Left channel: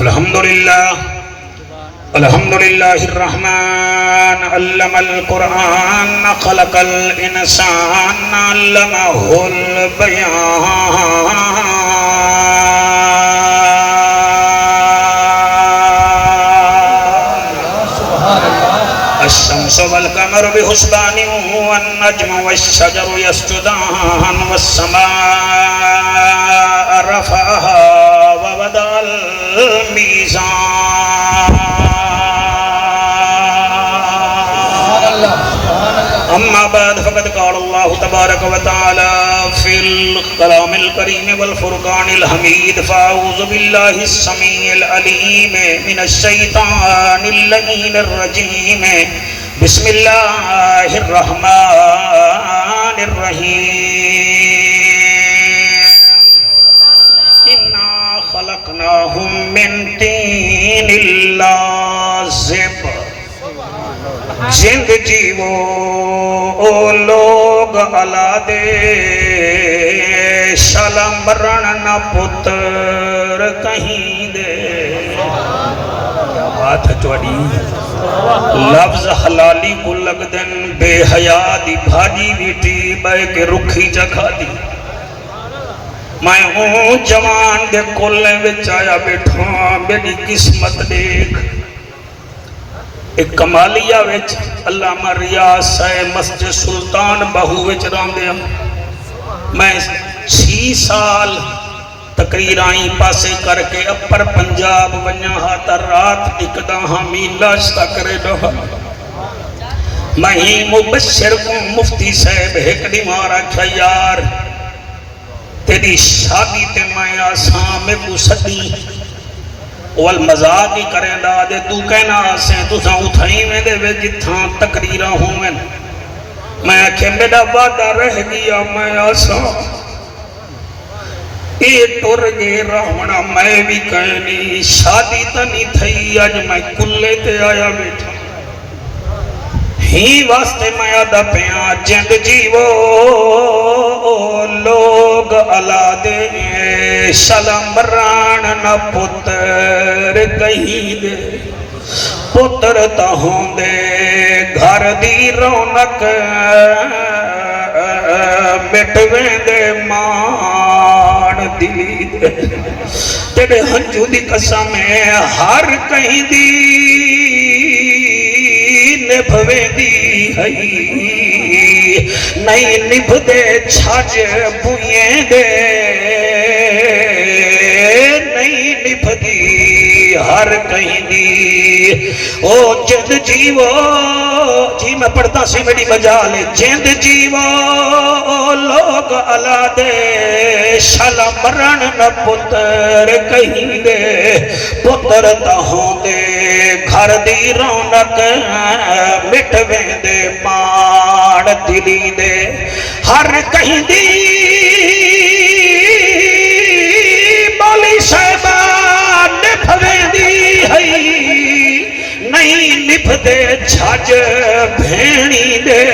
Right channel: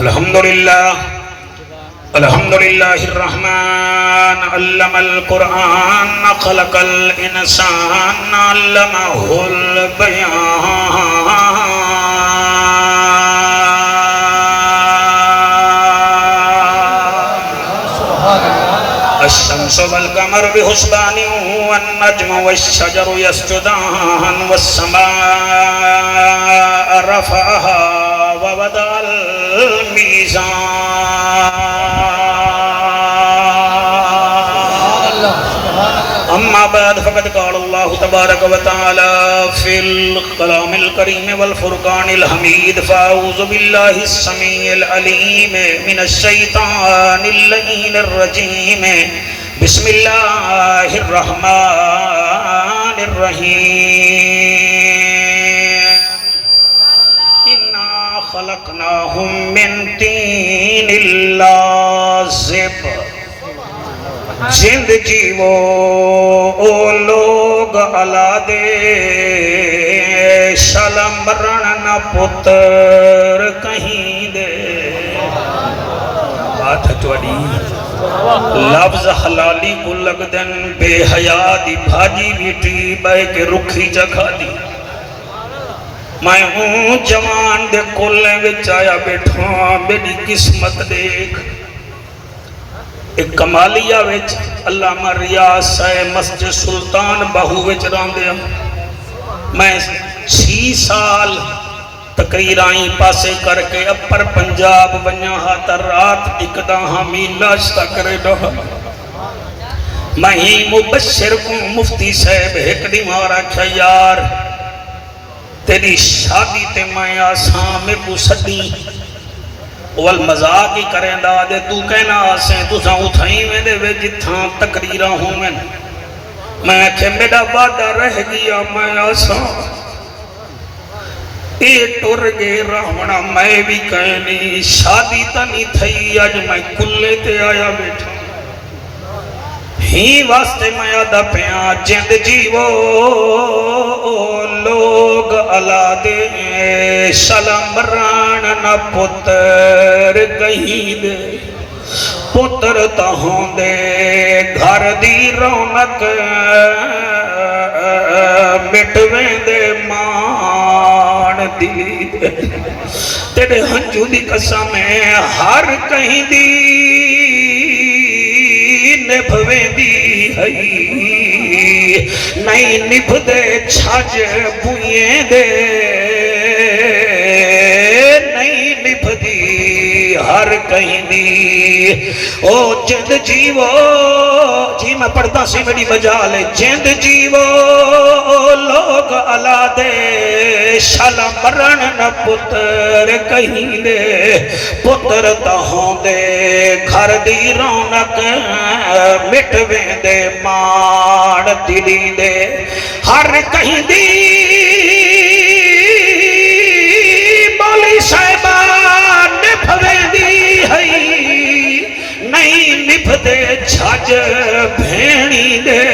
الحمدللہ الرحمن علم القرآن خلق الانسان علمہ البیان الشمس والقمر بحسبان والنجم والشجر يسجدان والسماء رفعها ووضع الميزان أما بعد فقد قال الله تبارك وتعالى في الكلام الكريم والفرقان الحميد فأعوذ بالله السميع العليم من الشيطان اللعين الرجيم بسم الله الرحمن الرحيم إنا خلقناهم من طين لازب جند جیو او لوگ علا دے شلم برن نہ پتر کہیں دے بات ہے توڑی لفظ حلالی کو لگ دن بے حیاء دی بھاجی بیٹی بے کے رکھی جگہ دی میں ہوں جوان دے کلیں بچایا بیٹھا میری قسمت دیکھ ایک کمالیہ ویچ علامہ ریاض ہے مسجد سلطان بہو ویچ رام دیا میں 6 سال تقریر آئیں پاسے کر کے اپر پنجاب ونیا ہاتا رات اکدا ہمیں لاشتا کرے رہا میں ہی مبشر کو مفتی صاحب ہکڑی مارا کیا یار تیری شادی تے میں آسان میں کو سڑی والمزاق ہی کریں دا دے تو کہنا آسے تو ساں اٹھائیں میں دے وے جتھاں تقریرہ ہوں میں آکھے میرا وعدہ رہ گیا میں آسان اے ٹر گے رہنا میں بھی کہنی شادی تا نہیں تھئی آج میں کلے تے آیا بیٹھا ہی واسطے میں آدھا پیاں جند جیو لوگ علا دے شلم بران نہ پتر کہیں دے پتر تاہوں دے گھر دی رونق مٹویں دے مان دلی دے تیرے ہنجو دی قسم ہے ہر کہیں دی نبھویں دی ہے نہیں نبھ دے چھاج بوئیں دے نہیں نبھ دی ہر کہیں دی او جند جیو جی میں پڑھتا سی میری بجا لے جند جیو لوگ علا دے شلم برن نہ پتر کہیں دے پتر تاہوں دے گھر دی رونق مٹویں دے مان دلی دے ہر کہیں دی مولی صاحبان نبھویں دی ہے نہیں نبھ دے جھاج بھینی دے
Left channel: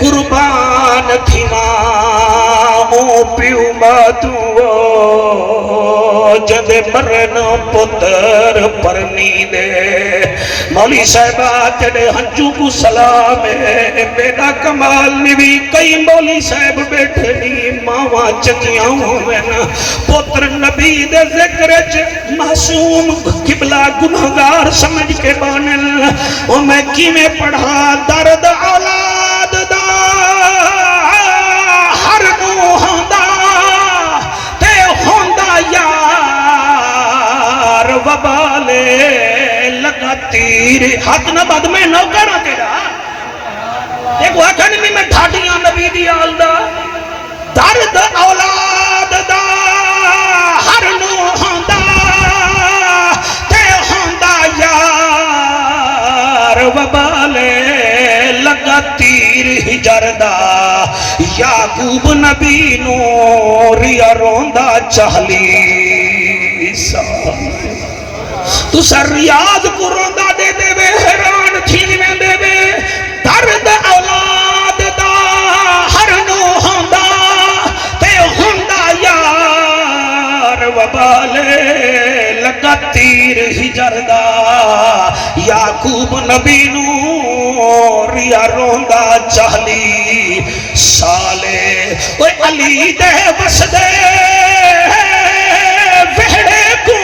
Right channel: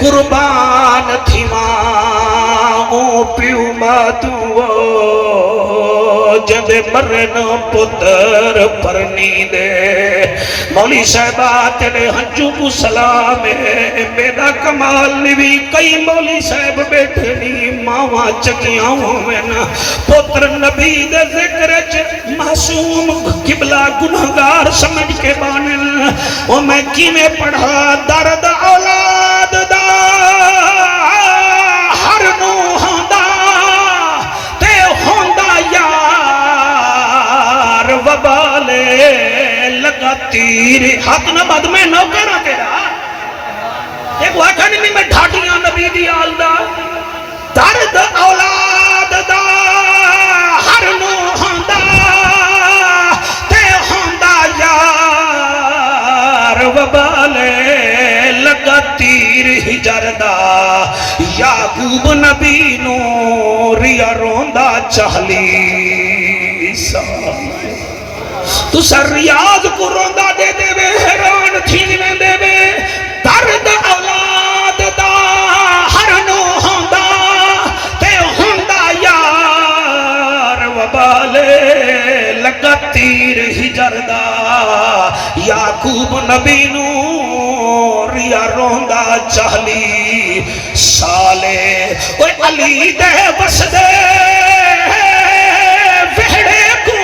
قربان تھی ماں پیو باتوں جد مرن پتر پرنی دے مولی صاحبہ تیرے ہنجو کو سلام ہے میرا کمال نوی کئی مولی صاحب بیٹھنی ماں چکیاں ہوئے نا پتر نبی دے ذکر معصوم قبلہ گنہگار سمجھ کے بانن وہ میں کی میں پڑھا درد اولاد دا ہر نو ہوندا تے ہوندا یار وبالے لگا تیر حق نہ بد میں نو کرا کے ایک واقعہ نہیں میں ڈھاٹیاں نبی دی آل دا درد اولاد دا ہر نو ہوندا تے ہوندا یار وبالے لگا تیر ہجر دا یعقوب نبی نو ریا روندا چہلی تو سر ریاض کو روندا دے دے بے حیران تھی میں دے بے درد اولاد دا ہر نو ہوندا تے ہوندا یار وبالے لگا تیر پیر ہجر دا یعقوب نبی نو ریا روندا 40 سالے اوے علی دے بس دے وہڑے کو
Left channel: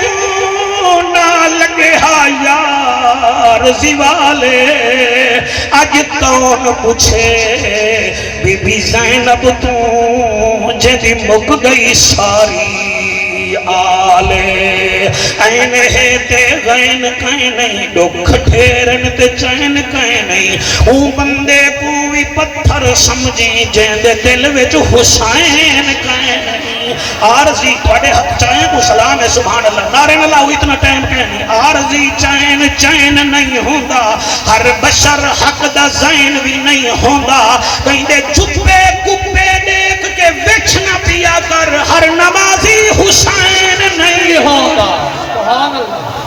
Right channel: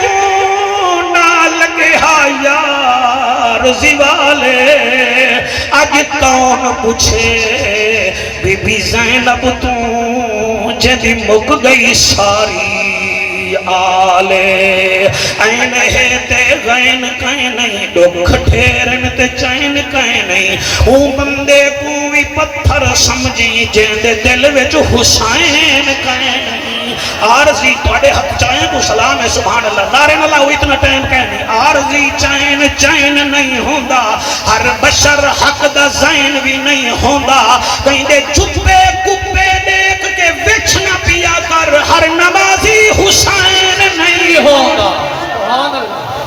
نہ لگے ہا یار زوالے اج تون پوچھے بی بی زینب تو جدی مک گئی ساری آلے این ہے تے غین کہیں نہیں ڈکھ ٹھیرن تے چین کہیں نہیں اون بندے کو بھی پتھر سمجھی جیندے دل وچ حسین کہیں نہیں عارضی توڑے حق چاہیں کو سلام ہے سبحان اللہ نعرے نہ لاؤ اتنا ٹائم کہیں نہیں عارضی چین نہیں ہوندہ ہر بشر حق دا زین بھی نہیں ہوندہ کہیں دے چپے کپے دیکھ کے وچ نہ پیا کر ہر نمازی حسین نہیں ہوندہ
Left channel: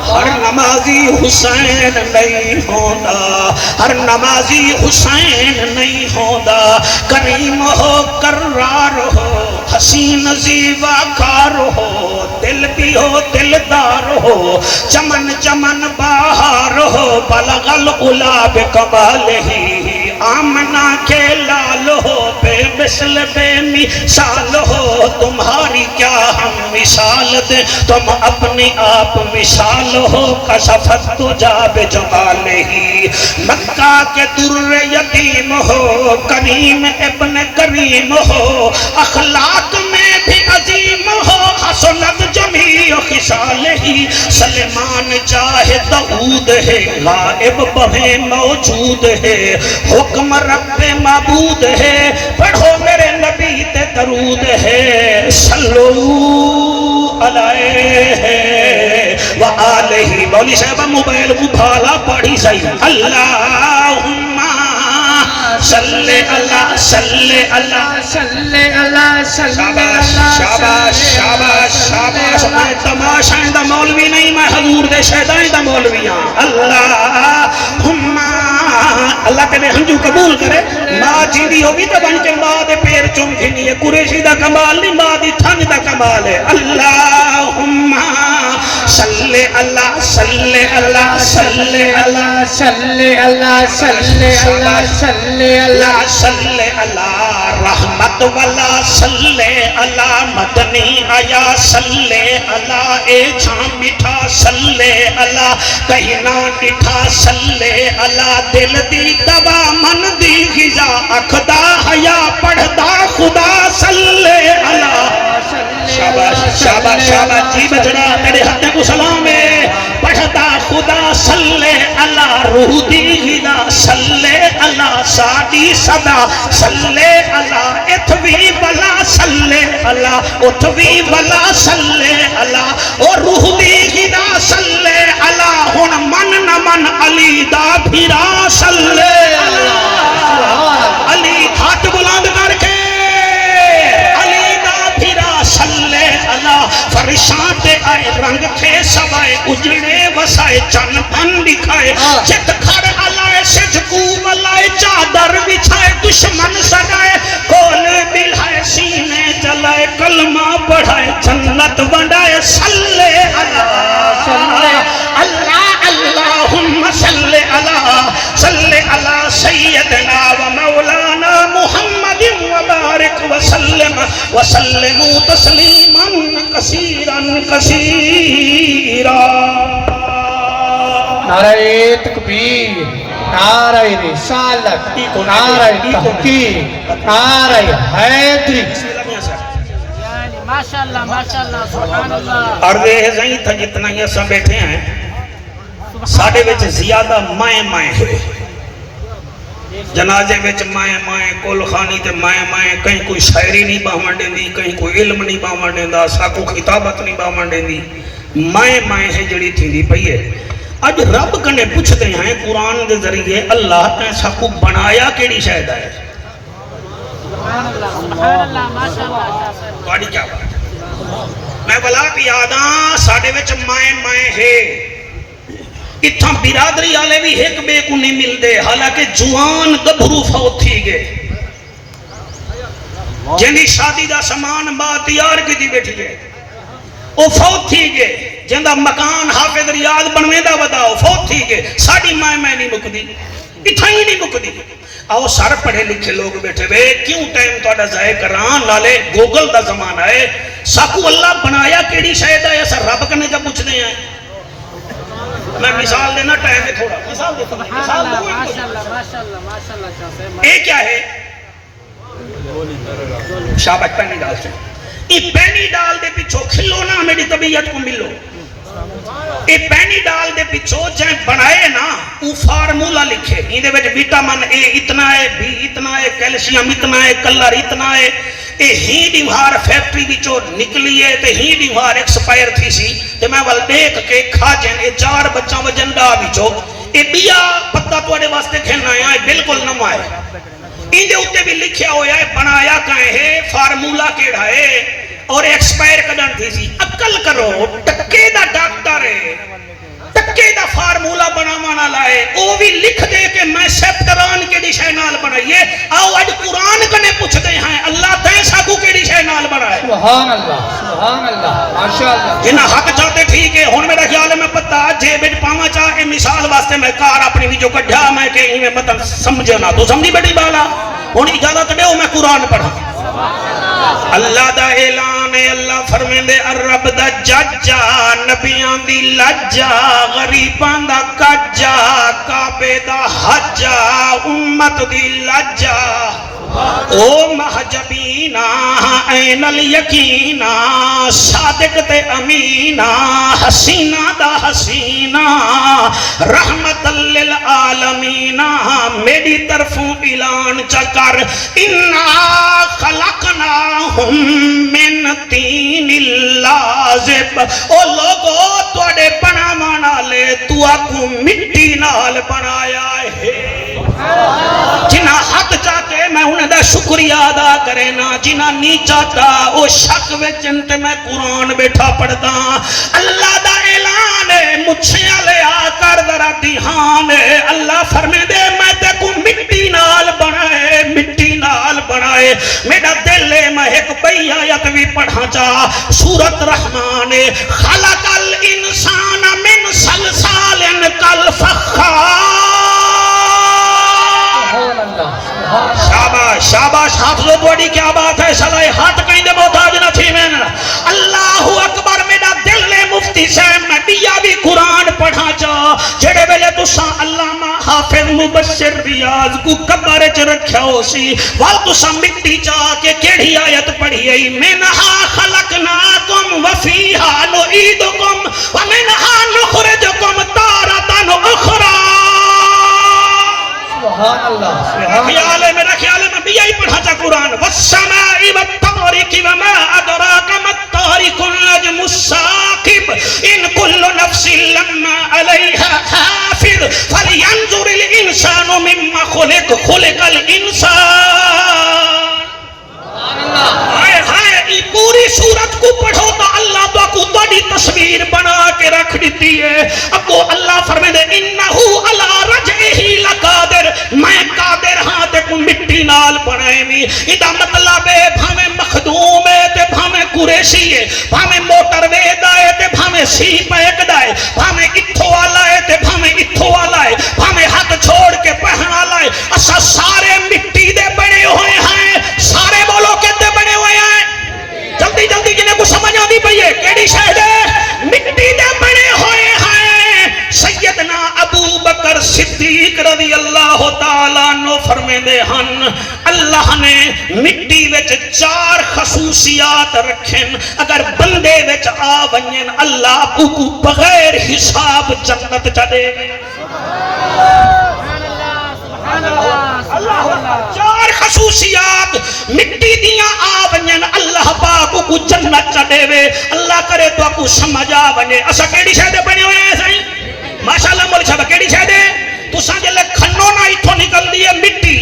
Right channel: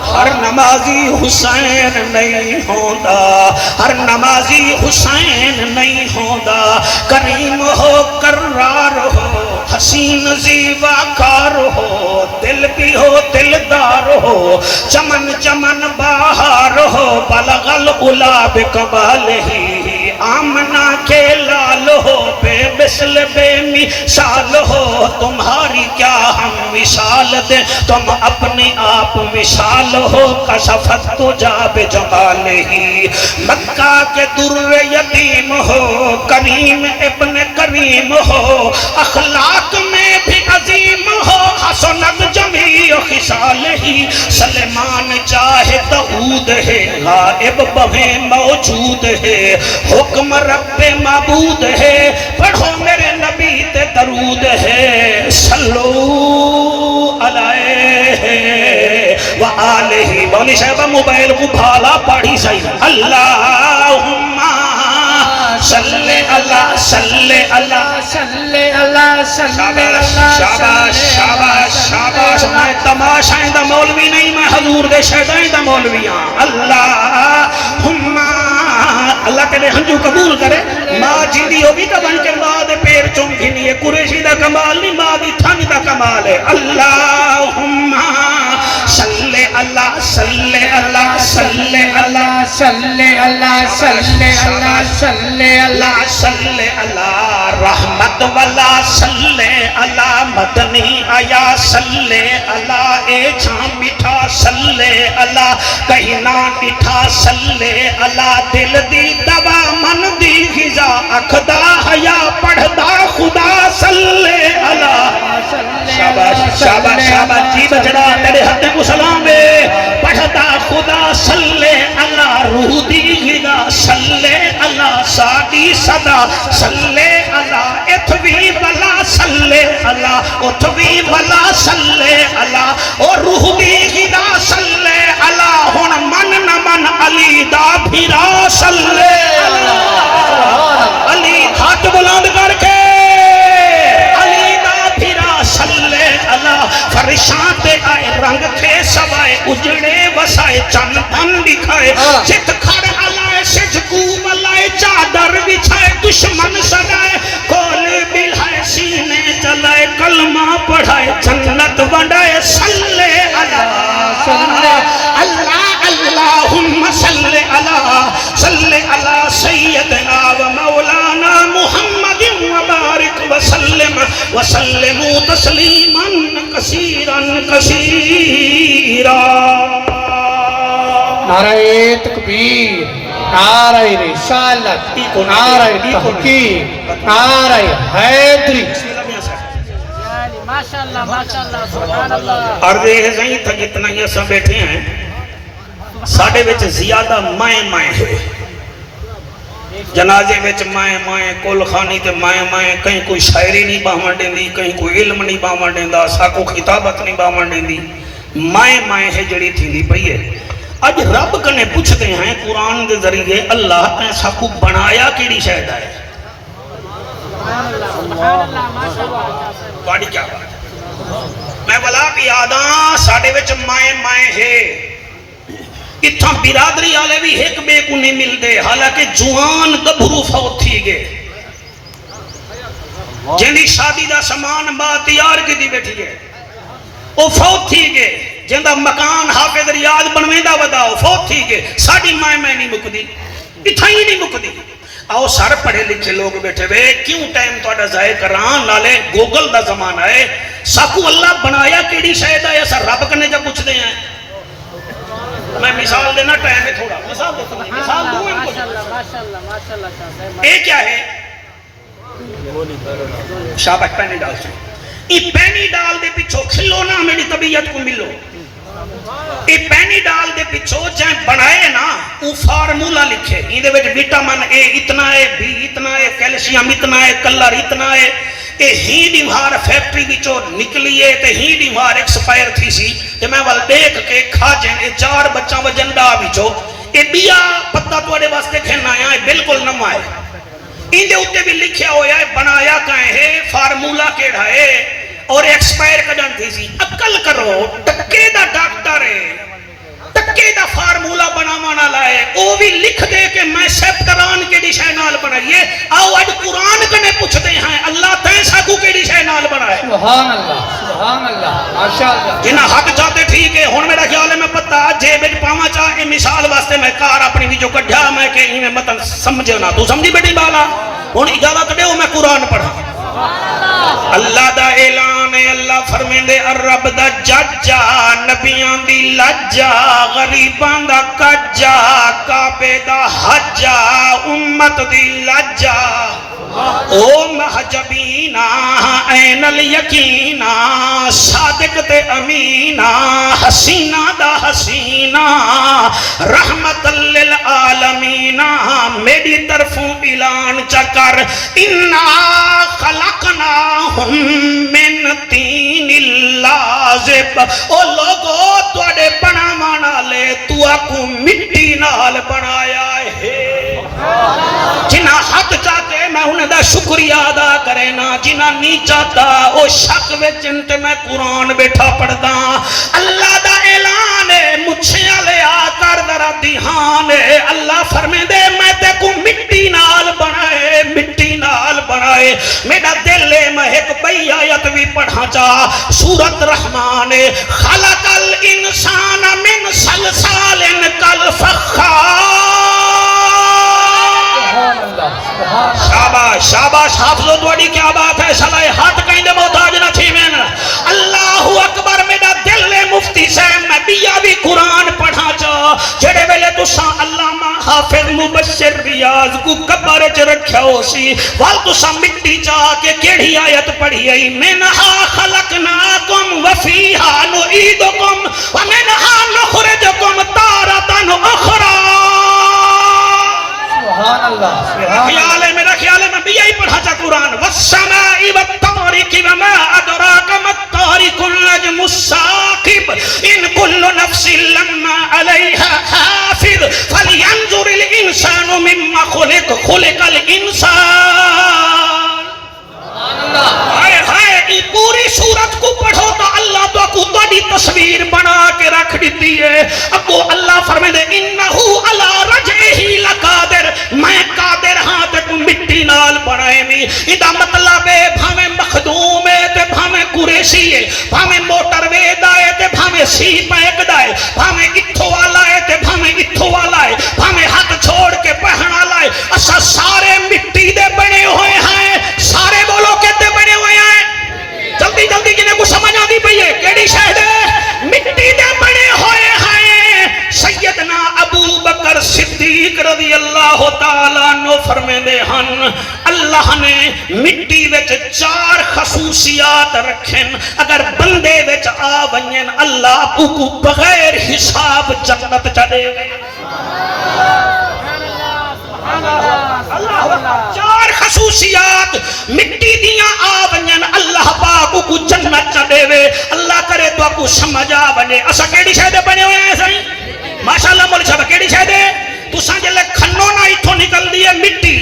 ہر نمازی حسین نہیں ہوندہ ہر نمازی حسین نہیں ہوندہ کریم ہو کرار ہو حسین زیبا کار ہو دل بھی ہو دلدار ہو چمن چمن باہر ہو بلغ العلا بکمالہ آمنہ کے لال ہو بے مثل بے مثال ہو تمہاری کیا ہم مثال دے تم اپنی آپ مثال ہو کشفت تجا بجمالہ مکہ کے در یتیم ہو کریم ابن کریم ہو اخلاق میں بھی عظیم ہو حسنت جمیع خصالہ سلیمان چاہے داؤد ہے غائب بہیں موجود ہے حکم رب معبود ہے پڑھو میرے نبی تے درود ہے صلو علیہ وآلہ مولی صاحبہ موبائل کو بھالا پاڑھی صحیح اللہم صلی اللہ صلی اللہ صلی اللہ شاباش شاباش شاباش شاباش میں تماشائیں دا مولوی نہیں میں حضور دے شہدائیں دا مولوی ہاں اللہم اللہ کے لئے ہنجو قبول کرے ماں جیندی ہوگی تو بن کے ماں دے پیر چوم گھنی ہے قریشی دا کمال نہیں ماں دی تھنگ دا کمال ہے اللہم صلی اللہ صلی اللہ صلی اللہ صلی اللہ صلی اللہ صلی اللہ صلی اللہ رحمت والا صلی اللہ مدنی آیا صلی اللہ اے جھان مٹھا صلی اللہ کہیں نہ ڈٹھا صلی اللہ دل دی دوا من دی غذا اکھدا حیا پڑھدا خدا صلی اللہ شاباش شاباش شاباش جی بچڑا تیرے ہاتھ کو سلام ہے پڑھدا خدا صلی اللہ روح دی غذا صلی اللہ ساڈی صدا صلی اللہ اتوی بلا صلی اللہ اتوی بلا صلی اللہ اور روح دی غذا صلی اللہ ہن من نہ من علی دا بھیرا صلی اللہ علی ہاتھ بلند کر کے فرشاں تے آئے رنگ تھے سوائے اجڑے وسائے چن پن دکھائے جت کھر علائے سجکو ملائے چادر بچھائے دشمن سجائے کول بلھائے سینے چلائے کلمہ پڑھائے جنت بڑھائے صلی اللہ اللہم صلی اللہ سیدنا و مولانا محمد وبارک وسلم وسلموا تسلیما کثیرا کثیرا نعرہ تکبیر نعرہ رسالت نعرہ تحقیق نعرہ حیدری ماشاءاللہ ماشاءاللہ سبحان اللہ عرض زہیں تھا جتنا یہ سب بیٹھے ہیں ساڑھے وچ زیادہ مائیں ہے جنازے وچ مائیں کل خانی تے مائیں کہیں کوئی شاعری نہیں باہمان دیں دی کہیں کوئی علم نہیں باہمان دیں دا ساکو خطابت نہیں باہمان دیں دی مائیں ہے جڑی تھی دی پئی ہے اج رب کنے پوچھتے ہیں قرآن دے ذریعے اللہ نے ساکو بنایا کیڑی شاید ہے سبحان اللہ ماشاءاللہ بڑی کیا بات میں بلا پیاداں ساڑھے وچ مائیں ہے اتھاں برادری آلے بھی ایک بے کو نہیں مل دے حالانکہ جوان گبھرو فوت تھی گئے جنہی شادی دا سامان با تیار کی دی بیٹھی گئے وہ فوت تھی گئے جندا مکان حافظ ریاض بنویندا وداؤ فوت تھی گئے ساڈی ماں میں نہیں مکدی اتھا ہی نہیں مکدی آؤ سر پڑھے لکھے لوگ بیٹھے وے کیوں ٹائم تہاڈا ضائع کران لالے گوگل دا زمانہ ہے ساکو اللہ بنایا کیڑی شے دا ایسا رب کنے جب پوچھدے ہیں میں مثال دینا ٹائم ہے تھوڑا مثال دیتا ہوں مثال دوں ماشاءاللہ یہ کیا ہے شاباش پینی ڈال سے یہ پینی ڈال دے پیچھو کھلو نا میری طبیعت کو ملو یہ پینی ڈال دے پیچھو جائیں بنائے نا وہ فارمولا لکھے ان دے وچ وٹامن اے اتنا ہے بی اتنا ہے کیلشیم اتنا ہے کلر اتنا ہے اے ہی دیوار فیکٹری وچوں نکلی ہے تے ہی دیوار ایکسپائر تھی سی تے میں ول دیکھ کے کھا جن اے 4 بچاں وجندا وچوں اے بیا پتہ تواڈے واسطے کھنا آیا ہے بالکل نواں ہے ان دے اوتے بھی لکھیا ہویا ہے بنایا کائیں ہے فارمولا کیڑا ہے اور ایکسپائر کڈن تھی سی عقل کرو ٹکے دا ڈاکٹر ہے ٹکے دا فارمولا بناوانا لائے او بھی لکھ دے کہ میں سیپٹران کے شے نال بنائیے آؤ اج قرآن کنے پوچھتے ہیں اللہ تیں ساکو کے شے نال بنائے سبحان اللہ ماشاءاللہ جنہ حق چاہتے ٹھیک ہے ہن میرا خیال ہے میں پتہ جے وچ پاواں چاہ اے مثال واسطے میں کار اپنی ویڈیو کڈھیا میں کہ ایویں مطلب سمجھو نا تو سمجھی بیٹھی بالا ہن اجازت دیو میں قرآن پڑھاں اللہ دا اعلان ہے اللہ فرمیندے الرب دا ججا نبیان دی لجا غریبان دا کجا کعبے دا حجا امت دی لجا او محجبینا این الیقینا صادق تے امینا حسینہ دا حسینہ رحمت للعالمین میری طرفوں اعلان چکر انا خلقناہم من تین لازب او لوگو توڑے بناوانا لے تو آکو مٹی نال بنایا ہے جنہ حق چاہتے میں انہیں دا شکریہ ادا کرے نا جنہ نہیں چاہتا او شک وچن تے میں قرآن بیٹھا پڑھتا اللہ دا اعلان ہے مجھے لے آ کر ذرا دھیان ہے اللہ فرمے دے میں تے کو مٹی نال بنائے میرا دل ہے میں ایک بئی آیت بھی پڑھا چاہ سورت رحمان خلق الانسان من سلسال کالفخار شاباش حافظو توڑی کیا بات ہے شلائے ہاتھ کہیں دے محتاج نہ تھی میں اللہ اکبر میرا دل ہے مفتی صاحب میں بیا بھی قرآن پڑھا چاہ جڑے ویلے تساں علامہ حافظ مبشر ریاض کو قبر چ رکھیا ہو سی وال تساں مٹی چاہ کے کیڑی آیت پڑھی ہے منہا خلقناکم وفیہا نعیدکم ومنہا نخرجکم تارۃ اخری سبحان اللہ میرا خیال ہے میں بھی یہی پڑھا تھا قرآن والسماء والطارق وما ادراک ما الطارق النجم الثاقب ان كل نفس لما عليها حافظ فلينظر الانسان مما خلق الانسان پوری صورت کو پڑھو تو اللہ تو کو بڑی تصویر بنا کے رکھ دیتی ہے اب وہ اللہ فرمائے دے انہو علی رجعہ لقادر میں قادر ہاں تے کو مٹی نال بنائے می ادا مطلب ہے بھامے مخدوم ہے تے بھامے قریشی ہے بھامے موٹر وید آئے تے بھامے سی پیک دائے بھامے اتھو والا ہے تے بھامے اتھو والا ہے بھامے ہاتھ چھوڑ کے پہن والا ہے اسا سارے مٹی دے بنے ہوئے ہیں سارے بولو کہتے بنے ہوئے ہیں جلدی جلدی جنہیں کو سمجھ آدھی پئیے کیڑی شاہد ہے مٹی دے بنے ہوئے ہیں سیدنا ابو بکر صدیق رضی اللہ تعالیٰ عنہ فرمے دے ہن اللہ نے مٹی وچ 4 خصوصیات رکھیں اگر بندے وچ آ ونین اللہ کو بغیر حساب جنت چڑے گئے 4 خصوصیات مٹی دیاں آ ونین اللہ پاک کو جنت چڑے وے اللہ کرے تو کو سمجھ آ ونے اسا کیڑی شے بنے ہوئے ہیں سائیں ماشاءاللہ مول صاحب کیڑی شے دے تساں جے کھنو نہ ایتھوں نکل دی ہے مٹی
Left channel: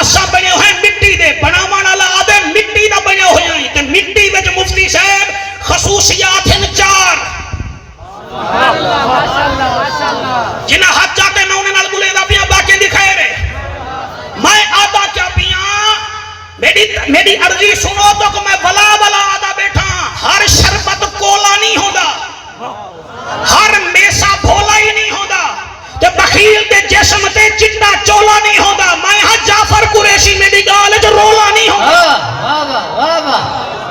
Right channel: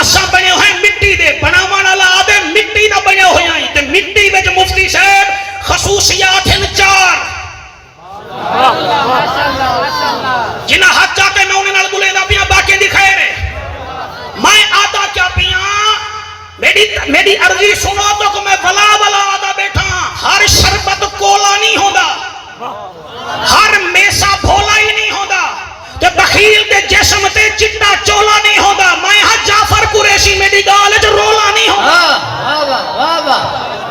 اسا بنے ہوئے مٹی دے بناون والا آدم مٹی دا بنیا ہویا ہے تے مٹی وچ مفتی صاحب خصوصیات ہیں 4 جنہ حد چاہتے میں انہیں نال بلے دا پیاں باقی دکھائے رہے میں آدھا کیا پیاں میری عرضی سنو تو کہ میں بلا آدھا بیٹھا ہر شربت کولا نہیں ہوگا ہر میسا بھولا ہی نہیں ہوتا تے بخیل تے جسم تے چٹا چولا نہیں ہوتا میں ہاں جعفر قریشی میری گال جو رولا نہیں ہوتا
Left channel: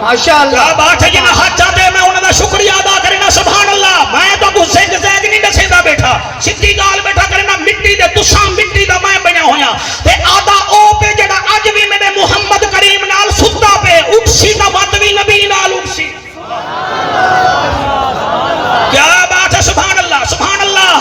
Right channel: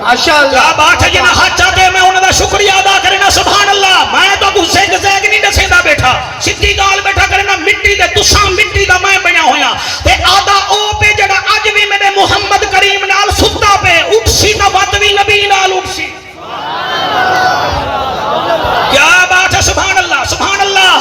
ماشاءاللہ کیا بات ہے جنہاں ہاتھ چاہتے ہیں میں انہوں کا شکریہ ادا کرنا سبحان اللہ میں تو کچھ زیگ زیگ نہیں دسے دا بیٹھا سدھی گال بیٹھا کرنا مٹی دے تساں مٹی دا میں بنیا ہویا تے آدھا او پہ جڑا اج بھی میرے محمد کریم نال ستا پہ اٹھسی دا مطوی نبی نال اٹھسی کیا بات ہے سبحان اللہ سبحان اللہ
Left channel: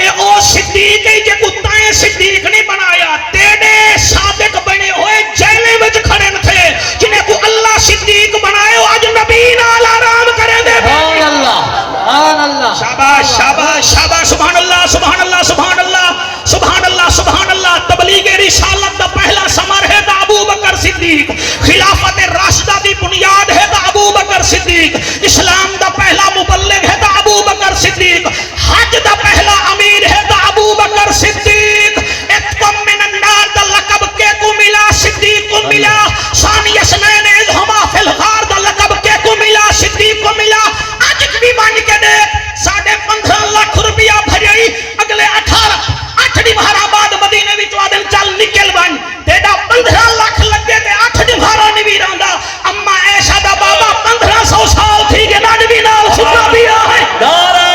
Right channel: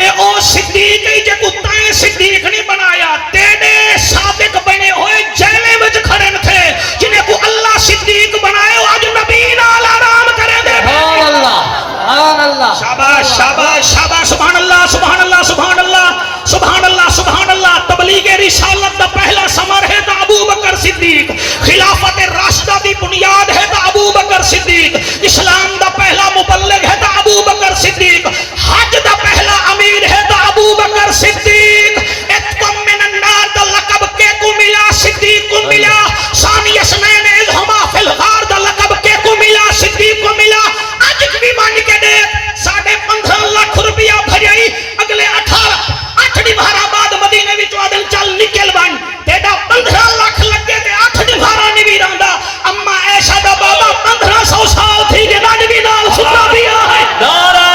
اے او صدیق ہی جے کتائیں صدیق نہیں بنایا تیرے صادق بنے ہوئے جیلے وچ کھڑے تھے جنہیں کو اللہ صدیق بنائے آج نبی نال آرام کریں دے سبحان اللہ شاباش شاباش شاباش سبحان اللہ سبحان اللہ سبحان اللہ سبحان اللہ سبحان اللہ تبلیغ رسالت دا پہلا ثمر ہے دا ابو بکر صدیق خلافت راشدہ دی بنیاد ہے دا ابو بکر صدیق اسلام دا پہلا مبلغ ہے دا ابو بکر صدیق حج دا پہلا امیر ہے دا ابو بکر صدیق اتقم من النار دا لقب کے کو ملا صدیق کو ملا ثانی اسنین اذ ہما فی الغار دا لقب کے کو ملا صدیق کو ملا آج بھی بن کے دے 15.5 لاکھ روپیہ بھریئی اگلے 8 دیوارہ بعد مدینے بھی چوادن چل نکل بن تیڑا 15 لاکھ لگے دے 8 دیوارہ نبی راندہ اما ایشہ دا بابا 1500 سال تھی کہ نبی نال سکا دیا ہے نعرہ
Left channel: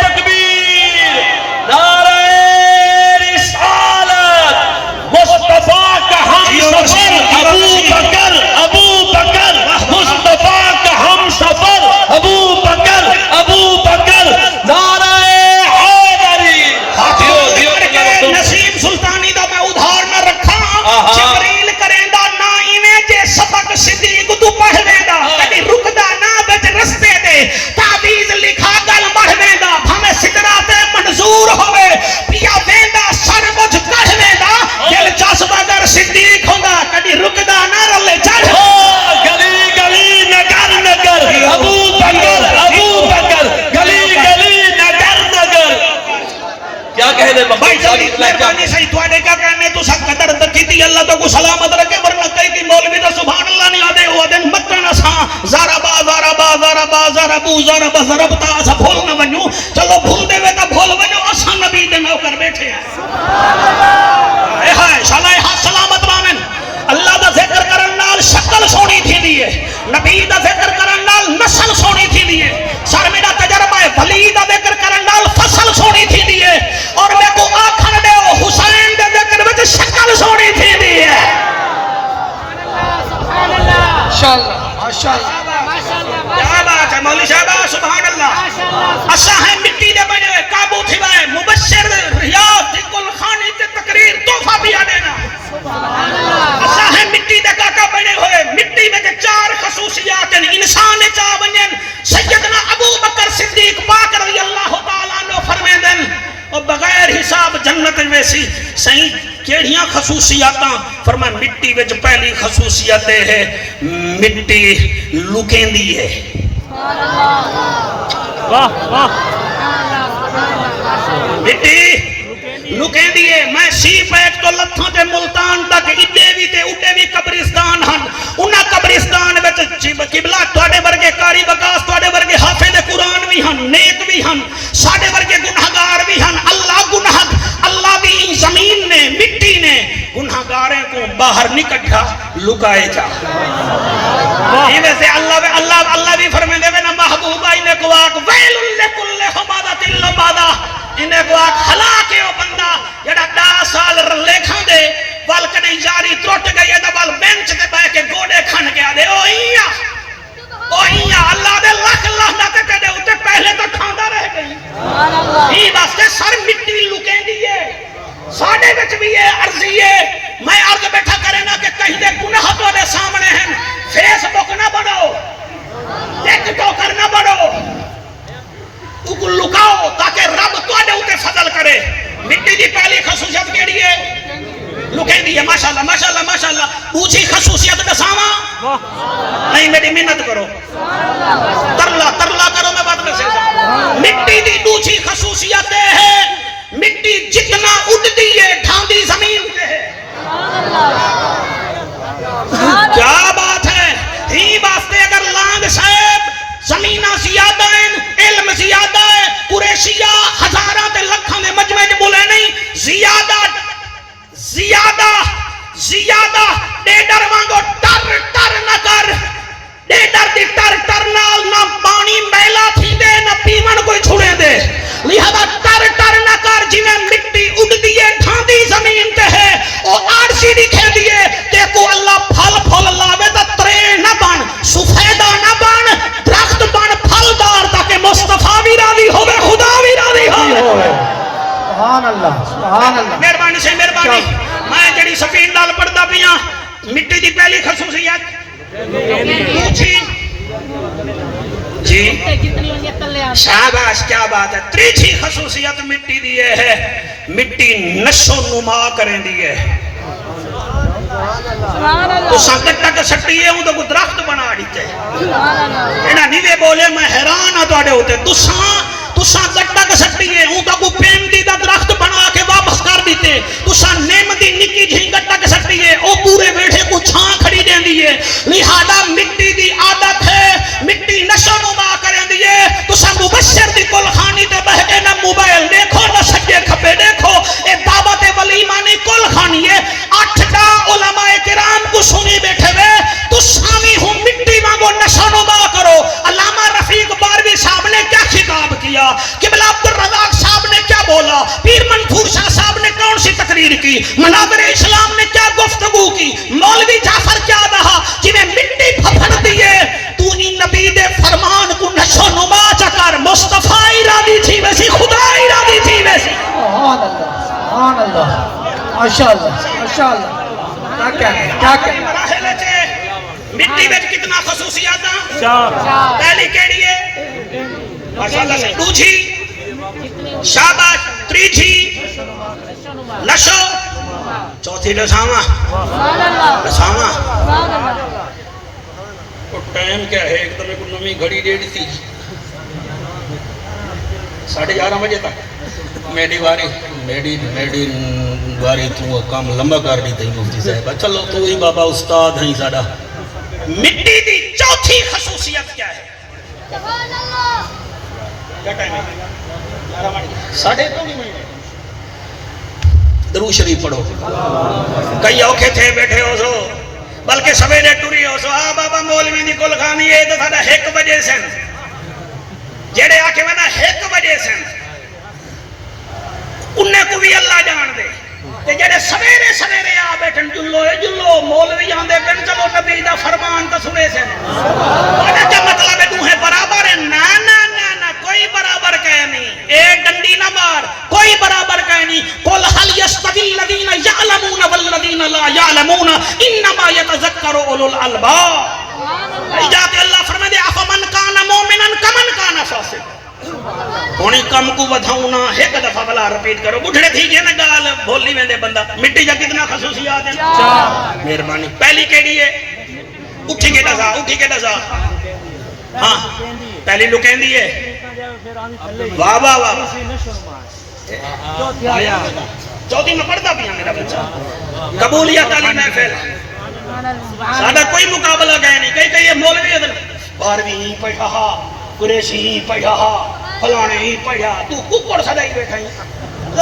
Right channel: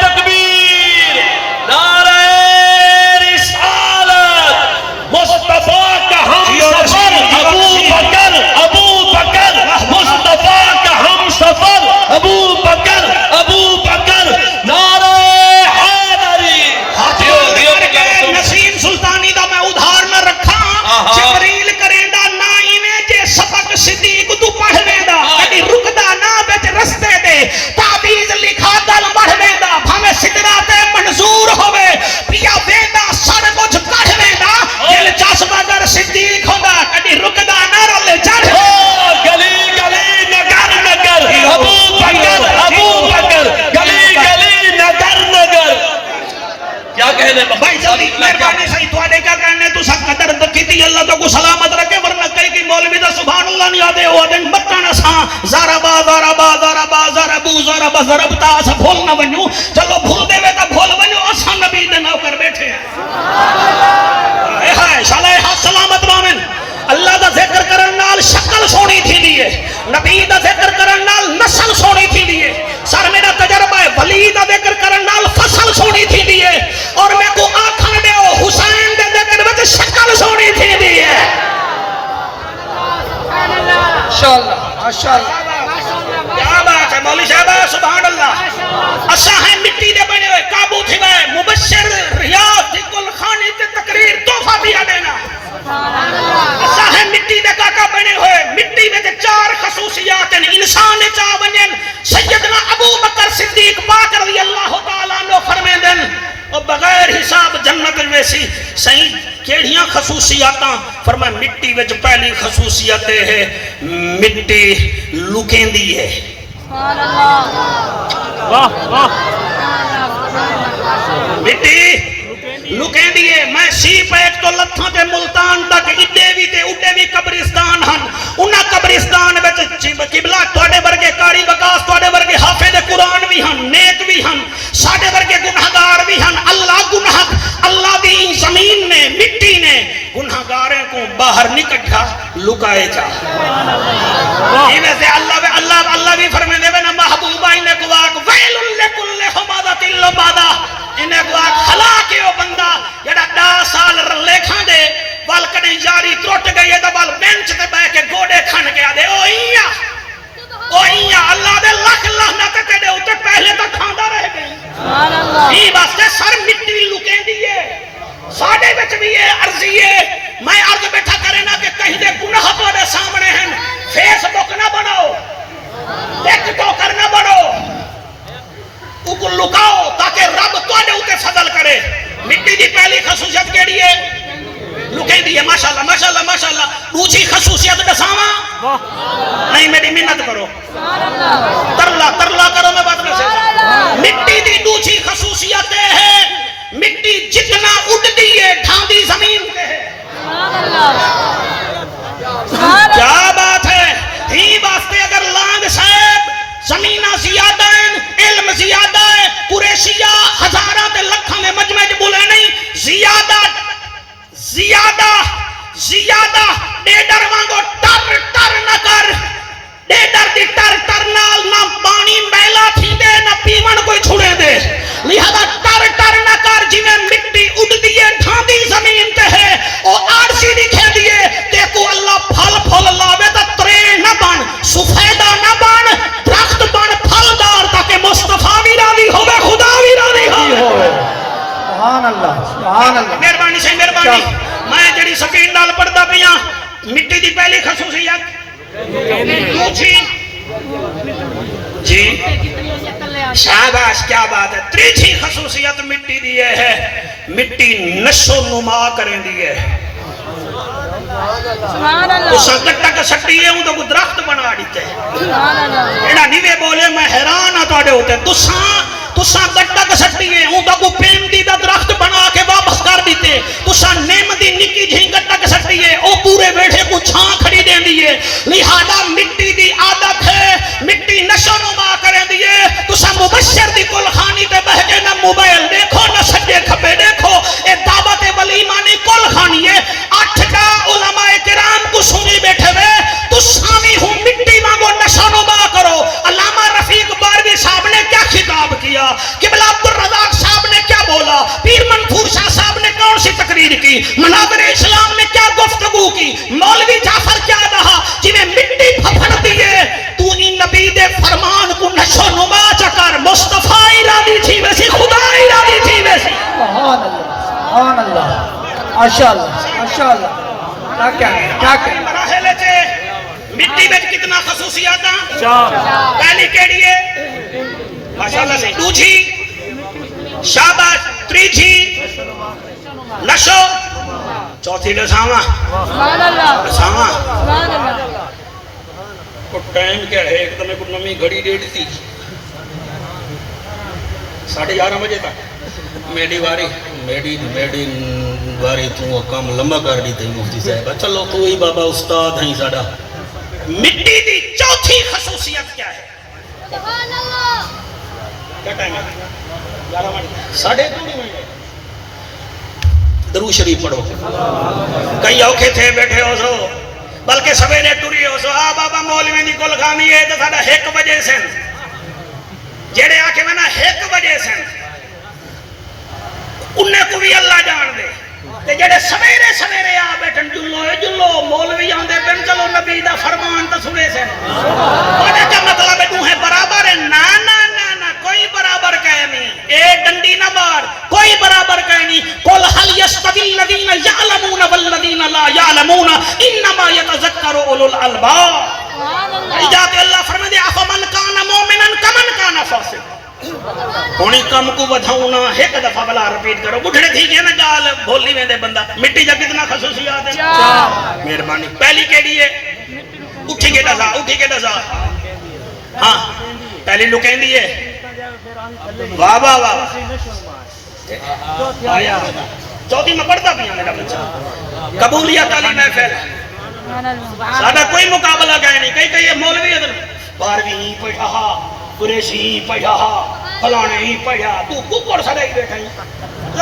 تکبیر نعرہ رسالت مصطفیٰ کا ہم سفر ابو بکر مصطفیٰ کا ہم سفر ابو بکر نعرہ حیدری نسیم سلطانی دا میں ادھار نہ رکھا جبریل کریں دا نائیویں جے سبق صدیق تو پڑھویں دا کدی رکدا نہ بیت رستے دے تعویز لکھا گل مڑھویں دا بھامے سدراتے منظور ہوئے پیا ویندا سر مجھ کڑھویں دا دل جذبہ در صدیق ہوندا کدی رکدا نہ رلے چڑھ گلی گلی نگر نگر ابو بکر گلی گلی نگر نگر کیا کہنے بھائی جلدی مہربانی صحیح تواڈے کا کہنے تو سب قدر تکیتی اللہ تو کو سلامت رکھے ورنہ کئی کی مولوی دا سبحان اللہ نہیں آدے ہو دن متن اساں زاربا زاربو زاربا زربتا اسا بھول نہ ونیو چلو بھول دے وے تا بھول ونیو اساں نبی دے نوکر بیٹھے ہیں شالائے ہاتھ سلامت بامن اللہ دا ذکر کرن نال شکل سونی تھی دیئے نبی دا ذکر کرن نال نسل سونی تھی دیئے سر میرا تجربہ ہے ولی دا ذکر کرن نال فصل سونی تھی دیئے اور میں کو آکھن دے ہو حسین دے ذکر وچ شکل سونی تھی دیئے کیا بات ہے مولی صاحبہ سبحان اللہ اسا ہے مٹی دے بنے ہوئے قابو تھی بائے مبشر ریاض دی کل خانی تے تقریر تحفہ دیا دینا اسا ہے مٹی دے کاکا بنے ہوئے مٹی میں 4 خصوصیات ہیں انسان چاہ بنین سیدنا ابو بکر صدیق پاک رضی اللہ تعالیٰ عنہ فرمے دن اور بغیر حساب جنت ویسی صحیح کیڑیاں خصوصیاتاں فرمائے مٹی وچ پہلی خصوصیت ہے مٹی لکیں دی ہے مٹی لکیں دیئے میں سیپ ایک تو لتھوں تے ملتان تک اڈے بھی قبرستان ہن انہاں قبرستان وچ قبلہ تواڈے ورگے قاری بکاس تواڈے ورگے حافظ قرآن بھی ہن نیک بھی ہن ساڈے ورگے گنہگار بھی ہن اللہ دی زمین نے مٹی نے گنہگاریں کو باہر نکٹھا لکائے جا یہ ویسے اللہ بھی فرمائے دے نا محبوبہ انہیں کو آگ ویل لکل حمادت اللبادہ انہیں کو آگ ہلاکے ہو بندہ جڑا 10 سال رلے کھان دے وال کڑی جاری تروٹ گئی ہے دبال بینچ دے بے کے گوڑے کھان کے آدھے او ایاں اللہ دے لکھ نہ کتے دے ہوتے پہلے تو کھاندہ رہ گئی یہ واسطے سر مٹی لکیں دیئے ساڑھے بچ بھی ہے عرضی ہے میں عرض بیٹھا کرے نا کہ کہیں دے گناہ تو دے سامنے ہیں فیس بک نہ بڑھو ٹیک ٹوکر نہ بڑھو اگل لکاؤ تاکہ رب تو دے ہوتے فضل کرے مٹی دی پہلی خصوصیت کے لیے لکیں دیئے ماشاءاللہ دوسری خصوصیت دساما نہیں میری منت کرو ترلا کرو میں بات میں سے مٹی دی دوسری خصوصیت ہے مٹی جتنا اٹھ دیئے ڈھاندی زمین پہ ہے کیا بات ہے ہی واسطے اگر لانگ صاحب زمینہ زیادہ ہیں علم زیادہ قریشیہ ہزاراں تے لکھاں دے مجمع چ بولے نہیں زیادہ ڈیڈر وانگو ٹر نہ کر ڈیڈر دی ٹر نال نہ پانی میلا تھیندے نہ پیون کوئی چھڑے دے لہذا ٹر نہ کر جویں مٹی اڑدی ہے ڈھاندی زمین تے ہے او آڑسی دی کھیندی ہے تے کو اللہ پھل لاوے تے ترے نہ بن سفیدہ نہ بن درخت بن پھلدار تاکہ مصطفیٰ بھی راضی ہوے خدا بھی راضی ہوے سبحان اللہ سبحان اللہ مہربانی سے مہربانی میں جڑی سپیڈ نال پڑھدا پیاں مٹی دی پہلی خصوصیت جی شاباش کیا بات ہے تیسری خصوصیت مٹی دی ہے مٹی نشو نما کریں دی ہے تو سنکٹا کا سٹی ہے تو درخت بنا دیتے ایڈا نیوے بولے میں حیران ہاں تواڈے ہوتے تساں گٹا کا سٹی ہے اون کو پیمدی دا درخت بنا کے واپس کر دیتے تساں نیم دی نکی جھی گٹا کا سٹی ہے او پورے بیٹھے کو چھاں کھڑی دین دی ہے لہذا مٹی دی عادت ہے مٹی نشو نما کریں دی ہے تساں مبشر دی کل خانی تے بہ کے نہ موبائل دیکھو نہ سجے کھبے دیکھو اے دعوت ولیمہ نہیں کل خانی ہے 8 علماء کرام کو سنی بیٹھے وے تساں بھی ہوں مٹی وانگو نشو نما کرو علامہ رفیق باروی صاحب نے کیا خطاب کیا قبلہ عبدالرزاق صاحب نے کیا بولا پیر منصور شاہ صاحب نے کون سی تقریر کی مناظر اسلام نے کیا گفتگو کی مولوی جعفر کیا رہا جنہیں مٹی پھپڑ دیے تو ان نبی دے فرمان کو نشو نما چکر مصطفیٰ راضی تھی ویسی خدا راضی تھی ویسی سبحان اللہ ماشاءاللہ ماشاءاللہ کیا مراحل چے مٹی وچ کتنا خصوصیات ہیں 4 پہلی کیڑی ہے ماشاءاللہ سے دوجھی شاباش تریجھی نشو چوتھی دساواں کو ٹائم کیا ہے ایک دم کو نمی گھڑی ڈیڑھ تھی 11:30 بجے تک میری واری تو کام لمبا کر دی تھی مفتی صاحب چلو تو ہی بابا استاد ہیں ساڈا مٹی دی چوتھی خصوصیت کیا ہے سبحان اللہ کیا ٹائم ہے 11:30 درود شریف پڑھو کئی اوکھے تھے بیٹھے ہو سو بلکہ سویرے ٹری ہو سو بابا مولوی دی کل خانی ہے تو ساڈا 1 بجے سن جڑے آ کے میں نا 1 بجے سن انہیں کو بھی اللہ جان دے تے جڑے سویرے آ بیٹھن جلو مولوی آندے پن چلو نبی دا فرمان تو سنے سے کیا مطلب ہے تو ہے برابر ہے نا کوئی برابر کہے نہیں ایک ڈنڈی نہ مار کوئی برابر کہے نہیں قل هل يستوي الذين يعلمون والذين لا يعلمون انما يتذكر اولو الالباب جا کے اللہ فرمائے دے افمن کان مومنا کمن کان فاسقا ہونی کم کو ودھاؤنا ایک دفعہ بلا رپیٹ کرو بڑھڑے تھی گئے نا گال بھولی میں دے بندہ مٹی جا کتنا خصوصیات ہیں مہربانی پہلی کیڑی ہے اٹھی کے ڈزا ہاں پہلی لکین دی ہے واہ چوتھی میں پڑھتا بھی ہوں میرا بچہ قبولیت علی محفل سادہ کوئی مقابلہ گئے نہیں کئی مولوی ادھر 12ویں پڑھا قریشی پڑھا فلانے ہی پڑھا تو ککڑ سدا ہی بیٹھا ہی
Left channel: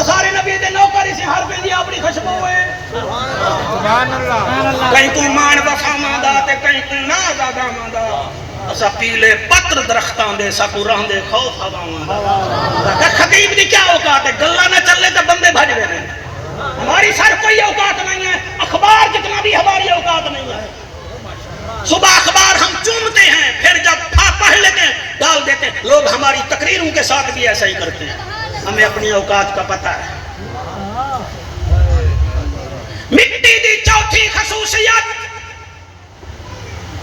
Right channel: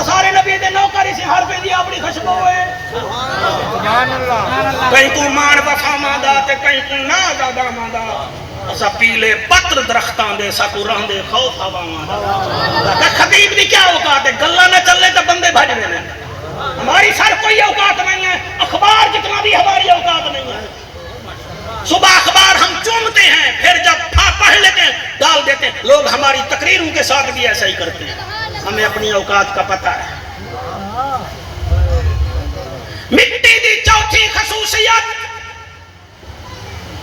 سارے نبی دے نوکری سے ہر پہ دی اپنی خشبو ہے سبحان اللہ کہیں کو مان وفا ماندا تے کہیں کو نا زیادہ ماندا اسا پیلے پتر درختاں دے سکو رہندے خوف ہواواں دا خطیب دی کیا اوقات ہے گلاں نہ چلے تے بندے بھج رہے ہیں ہماری سر کوئی اوقات نہیں ہے اخبار جتنا بھی ہماری اوقات نہیں ہے صبح اخبار ہم چومتے ہیں پھر جب پڑھ لیتے ہیں ڈال دیتے ہیں لوگ ہماری تقریروں کے ساتھ بھی ایسا ہی کرتے ہیں ہمیں اپنی اوقات کا پتہ ہے مٹی دی چوتھی خصوصیت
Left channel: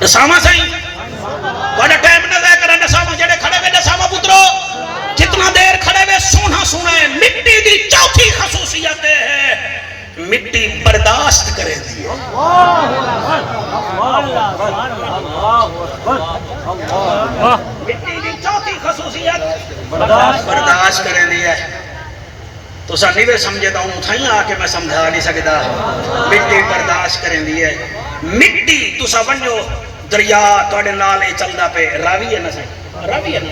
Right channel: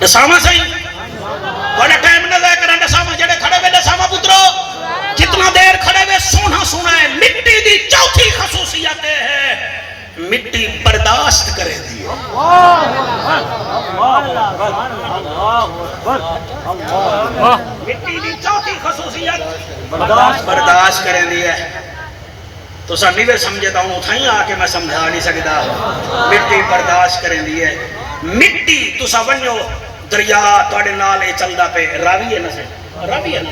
دساما صحیح بڑا ٹائم نہ لے کر دساما جڑے کھڑے ہوئے دساما پترو کتنا دیر کھڑے ہوئے سونا ہے مٹی دی چوتھی خصوصیت ہے مٹی برداشت کرے دی مٹی دی چوتھی خصوصیت برداشت کریں دی ہے تو سر نہیں سمجھتا ہوں اتھائیں آ کے میں سمجھا نہیں سکتا مٹی برداشت کریں دی ہے مٹی تو سا ونجو دریا توڑے نالے چلدا پہ راوی ہے نا سے راوی ہے نا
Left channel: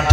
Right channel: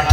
8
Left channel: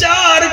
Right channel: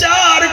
4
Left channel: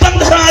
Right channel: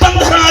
15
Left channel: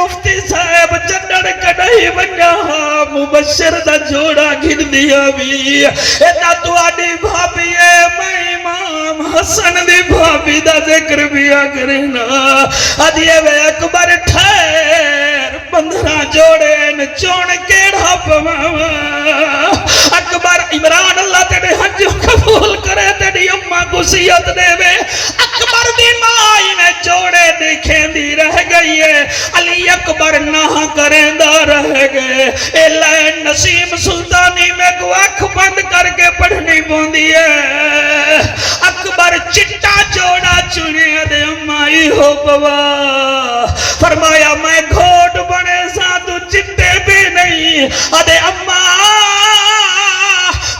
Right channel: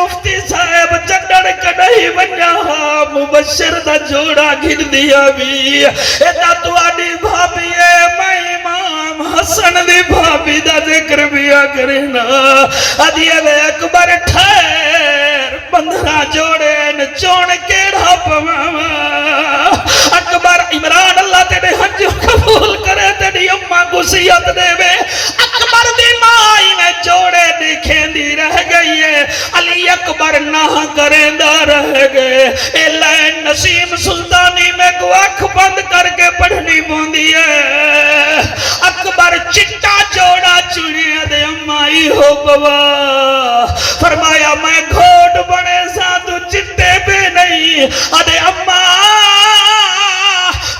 مفتی صاحب چڈن کڈی ونجا مبشر دا جوڑا گھن دیا بھی ایتا تو آڈی بھابی ہے میں امام حسن دی بھابی دا ذکر بیا کرنا ادیے وے اکبر ٹھہر 15 جوڑے نچوڑ کیڑا پواں اکبر عمران اللہ تیرے حج قبول کرے تیری اماں گسیت دے وے اکبر دی مائی میں جوڑے دیکھیں دی رہ گئی ہے علی اکبر نہ کریں دا رہ گئے اے لین نسیم سلطانی میں کو اکھ بند کر کے پڑھنی بوندی ہے اکبر چٹا جوڑا چنے دے امائی ہو بوا فرمایا میں گھوٹ بڑے ساتھ چٹے بے نہیں ادے اماں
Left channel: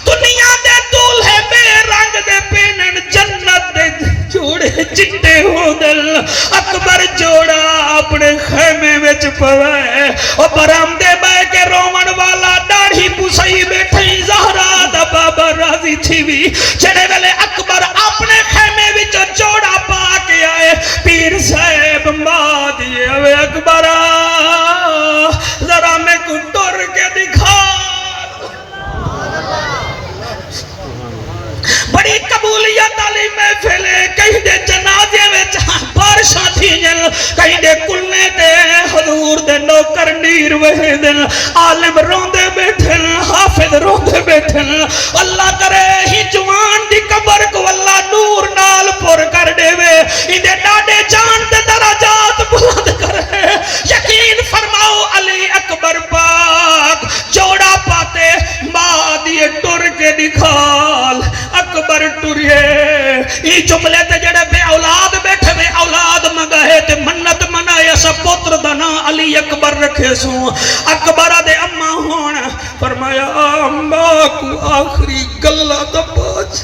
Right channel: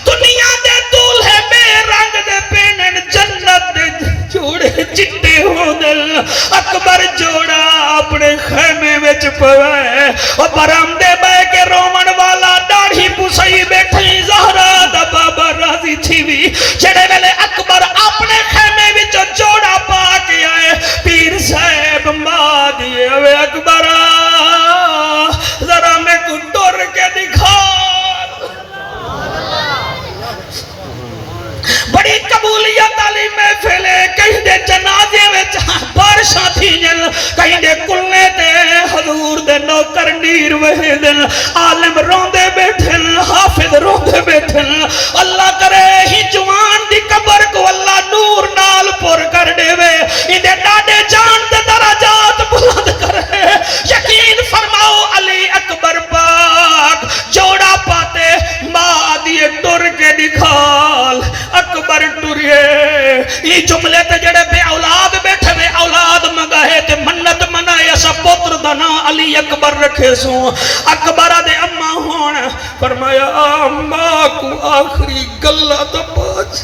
دنیا دے دولہے بے رنگ دے پینن جنت دے جوڑے چٹے ہو دل اکبر جوڑا اپنے خیمے وچ پوائے اور برام دے بے کے رومن والا ڈاڑھی پسائی بیٹھیں زہرا دا بابا راضی تھی بھی جڑے ویلے اکبر اپنے خیمے وچ جوڑا پا کے آئے پیر صاحب ماں دیئے وے اکبرہ ذرا میں کو ڈر کے دکھا بڑی قبولیت علی محفلے کہیں دے جنازے میں بارشاں تھی جن کہیں دے کلنے دے حضور دے نوکر نیر وہے دن عالم روندے بیٹھن حافظ روندے بیٹھن اللہ کرے ہی جوان دی قبر کو اللہ نور نال پور کر دے وے اندے ڈاڈے جان دے درجات بلند کرے یقین فرماؤ علی اکبر پاک جوڑا پاتے ماں دیے ٹر کے دکھال اکبر ٹریے یہ جملے تے جڑے بے اولاد بیٹھے بے اولاد مگاہے تے منت منائے سا پتر دنا علی اکبر رکھے سو اکبر دے اماں ہون فرمایا اماں کو آخری گلہ دا پاچ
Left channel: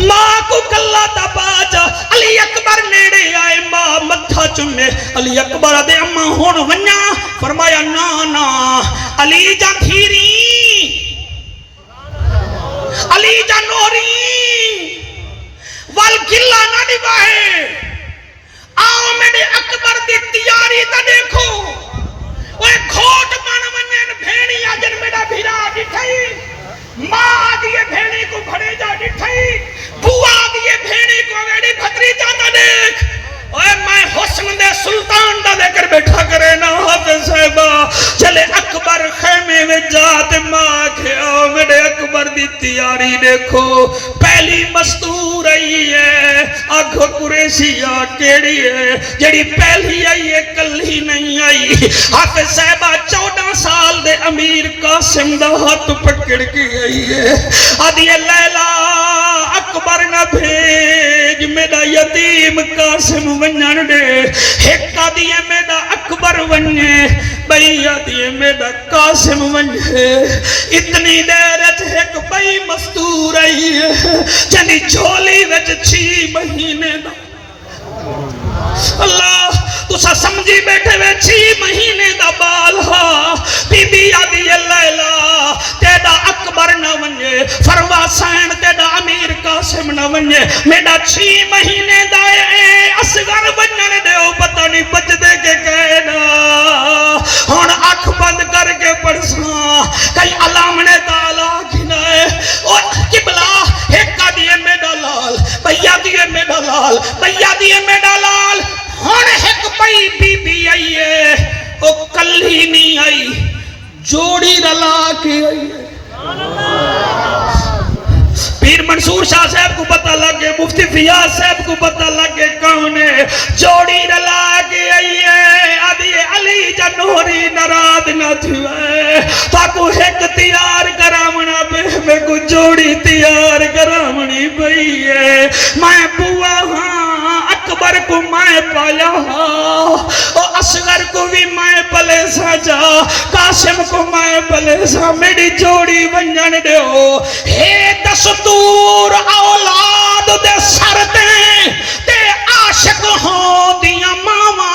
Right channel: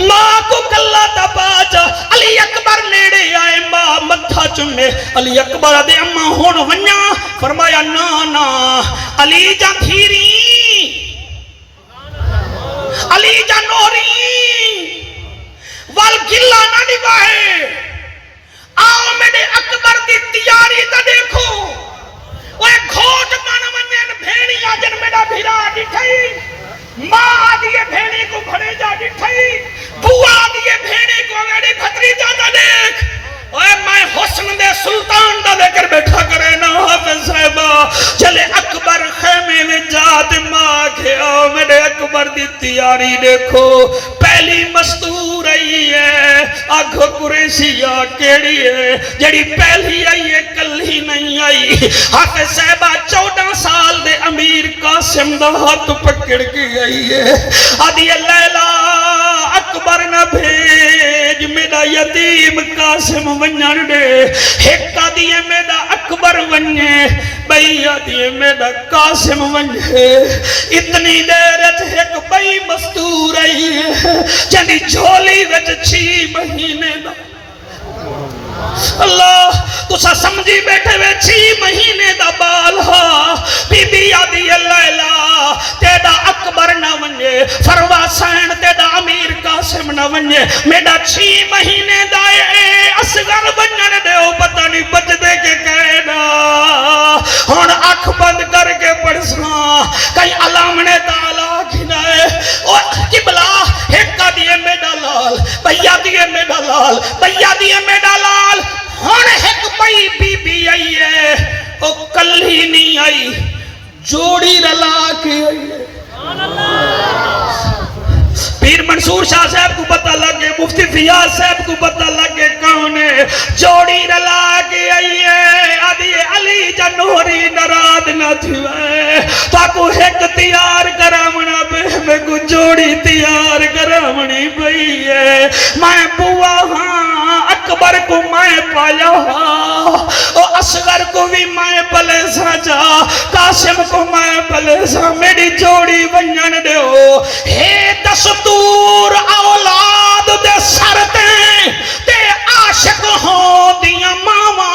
ماں کو گلہ دا پاچ علی اکبر نیڑے آئے ماں متھا چنے علی اکبر دے اماں ہون ونیا فرمایا نا علی جا دھیری علی جانوری والگلہ نہ نگاہے آؤ میرے اکبر دی تیاری تا دیکھو وہ گھوٹ بان منین بھیڑی آجن میرا بھیرا ڈٹھائی ماں آدھیے بھیڑی کو بھڑے جا ڈٹھائی بوا آدھیے بھیڑی کو میری بھتری جاتا دیکھ اوے میں حسن دے سلطان دا ذکر بیٹھا کرے نا حافظ صاحبہ چلے اکبر خیمے میں جات ماں کے آؤ میرے اکبر دی تیاری دیکھو پہلی مستور آئی ہے آگھو قریشیہ کیڑی ہے جڑی پہلی آئی ہے کل ہی نہیں آئی حافظ صاحبہ 14 سال دے امیر قاسم دا ہاتھ پکڑ کے گئی ہے آدھی لیلہ اکبر نہ بھیج میرا یتیم قاسم ونجن دے ہکا دیئے میرا اکبر ونجے بھئی دیئے میرا قاسم ونجے اتنی دیرت ہک بھئی مستور آئی ہے جنی جھولی وچ 6 مہینے دا اللہ تو سا سمجھی بیٹھے وے 6 مہینے دا بال ہا بی بی آدھی لیلہ تیڑا اکبر نہ ونجے فروا سین تیڑا امیر قاسم نہ ونجے میڈا 6 مہینے دائے اسگر ونجن دے او پتہ نہیں بچ دے کے کہنا ہون آنکھ بند کر کے پڑھسنا کئی علامنے تعالیٰ گھنائے اور قبلہ ہکا دیئے میڈا لال بھیا دیئے میڈا لال بھیا دیئے میڈا لال ہون ہک بھئی بی بی آئی ہے او کل ہی نہیں آئی جوڑی رلا کے آئی ہے پیر منصور شاہ صاحب کو پتہ لگے مفتی فیاض صاحب کو پتہ لگے کون ہے جوڑی رلا کے آئی ہے آدھی علی جنوری نراد نہ تھوئے تاکو ایک تیار کرامنا میں کو جوڑی تیار کرامنی بھئی ہے میں بوا ہاں اکبر کو میں پایا اور اصغر کو بھی میں پلے ساجا قاسم کو میں پلے سا میری جوڑی ونجن دے ہو ہے دستور اولاد دے سرتے تے عاشق ہوں دیا ماما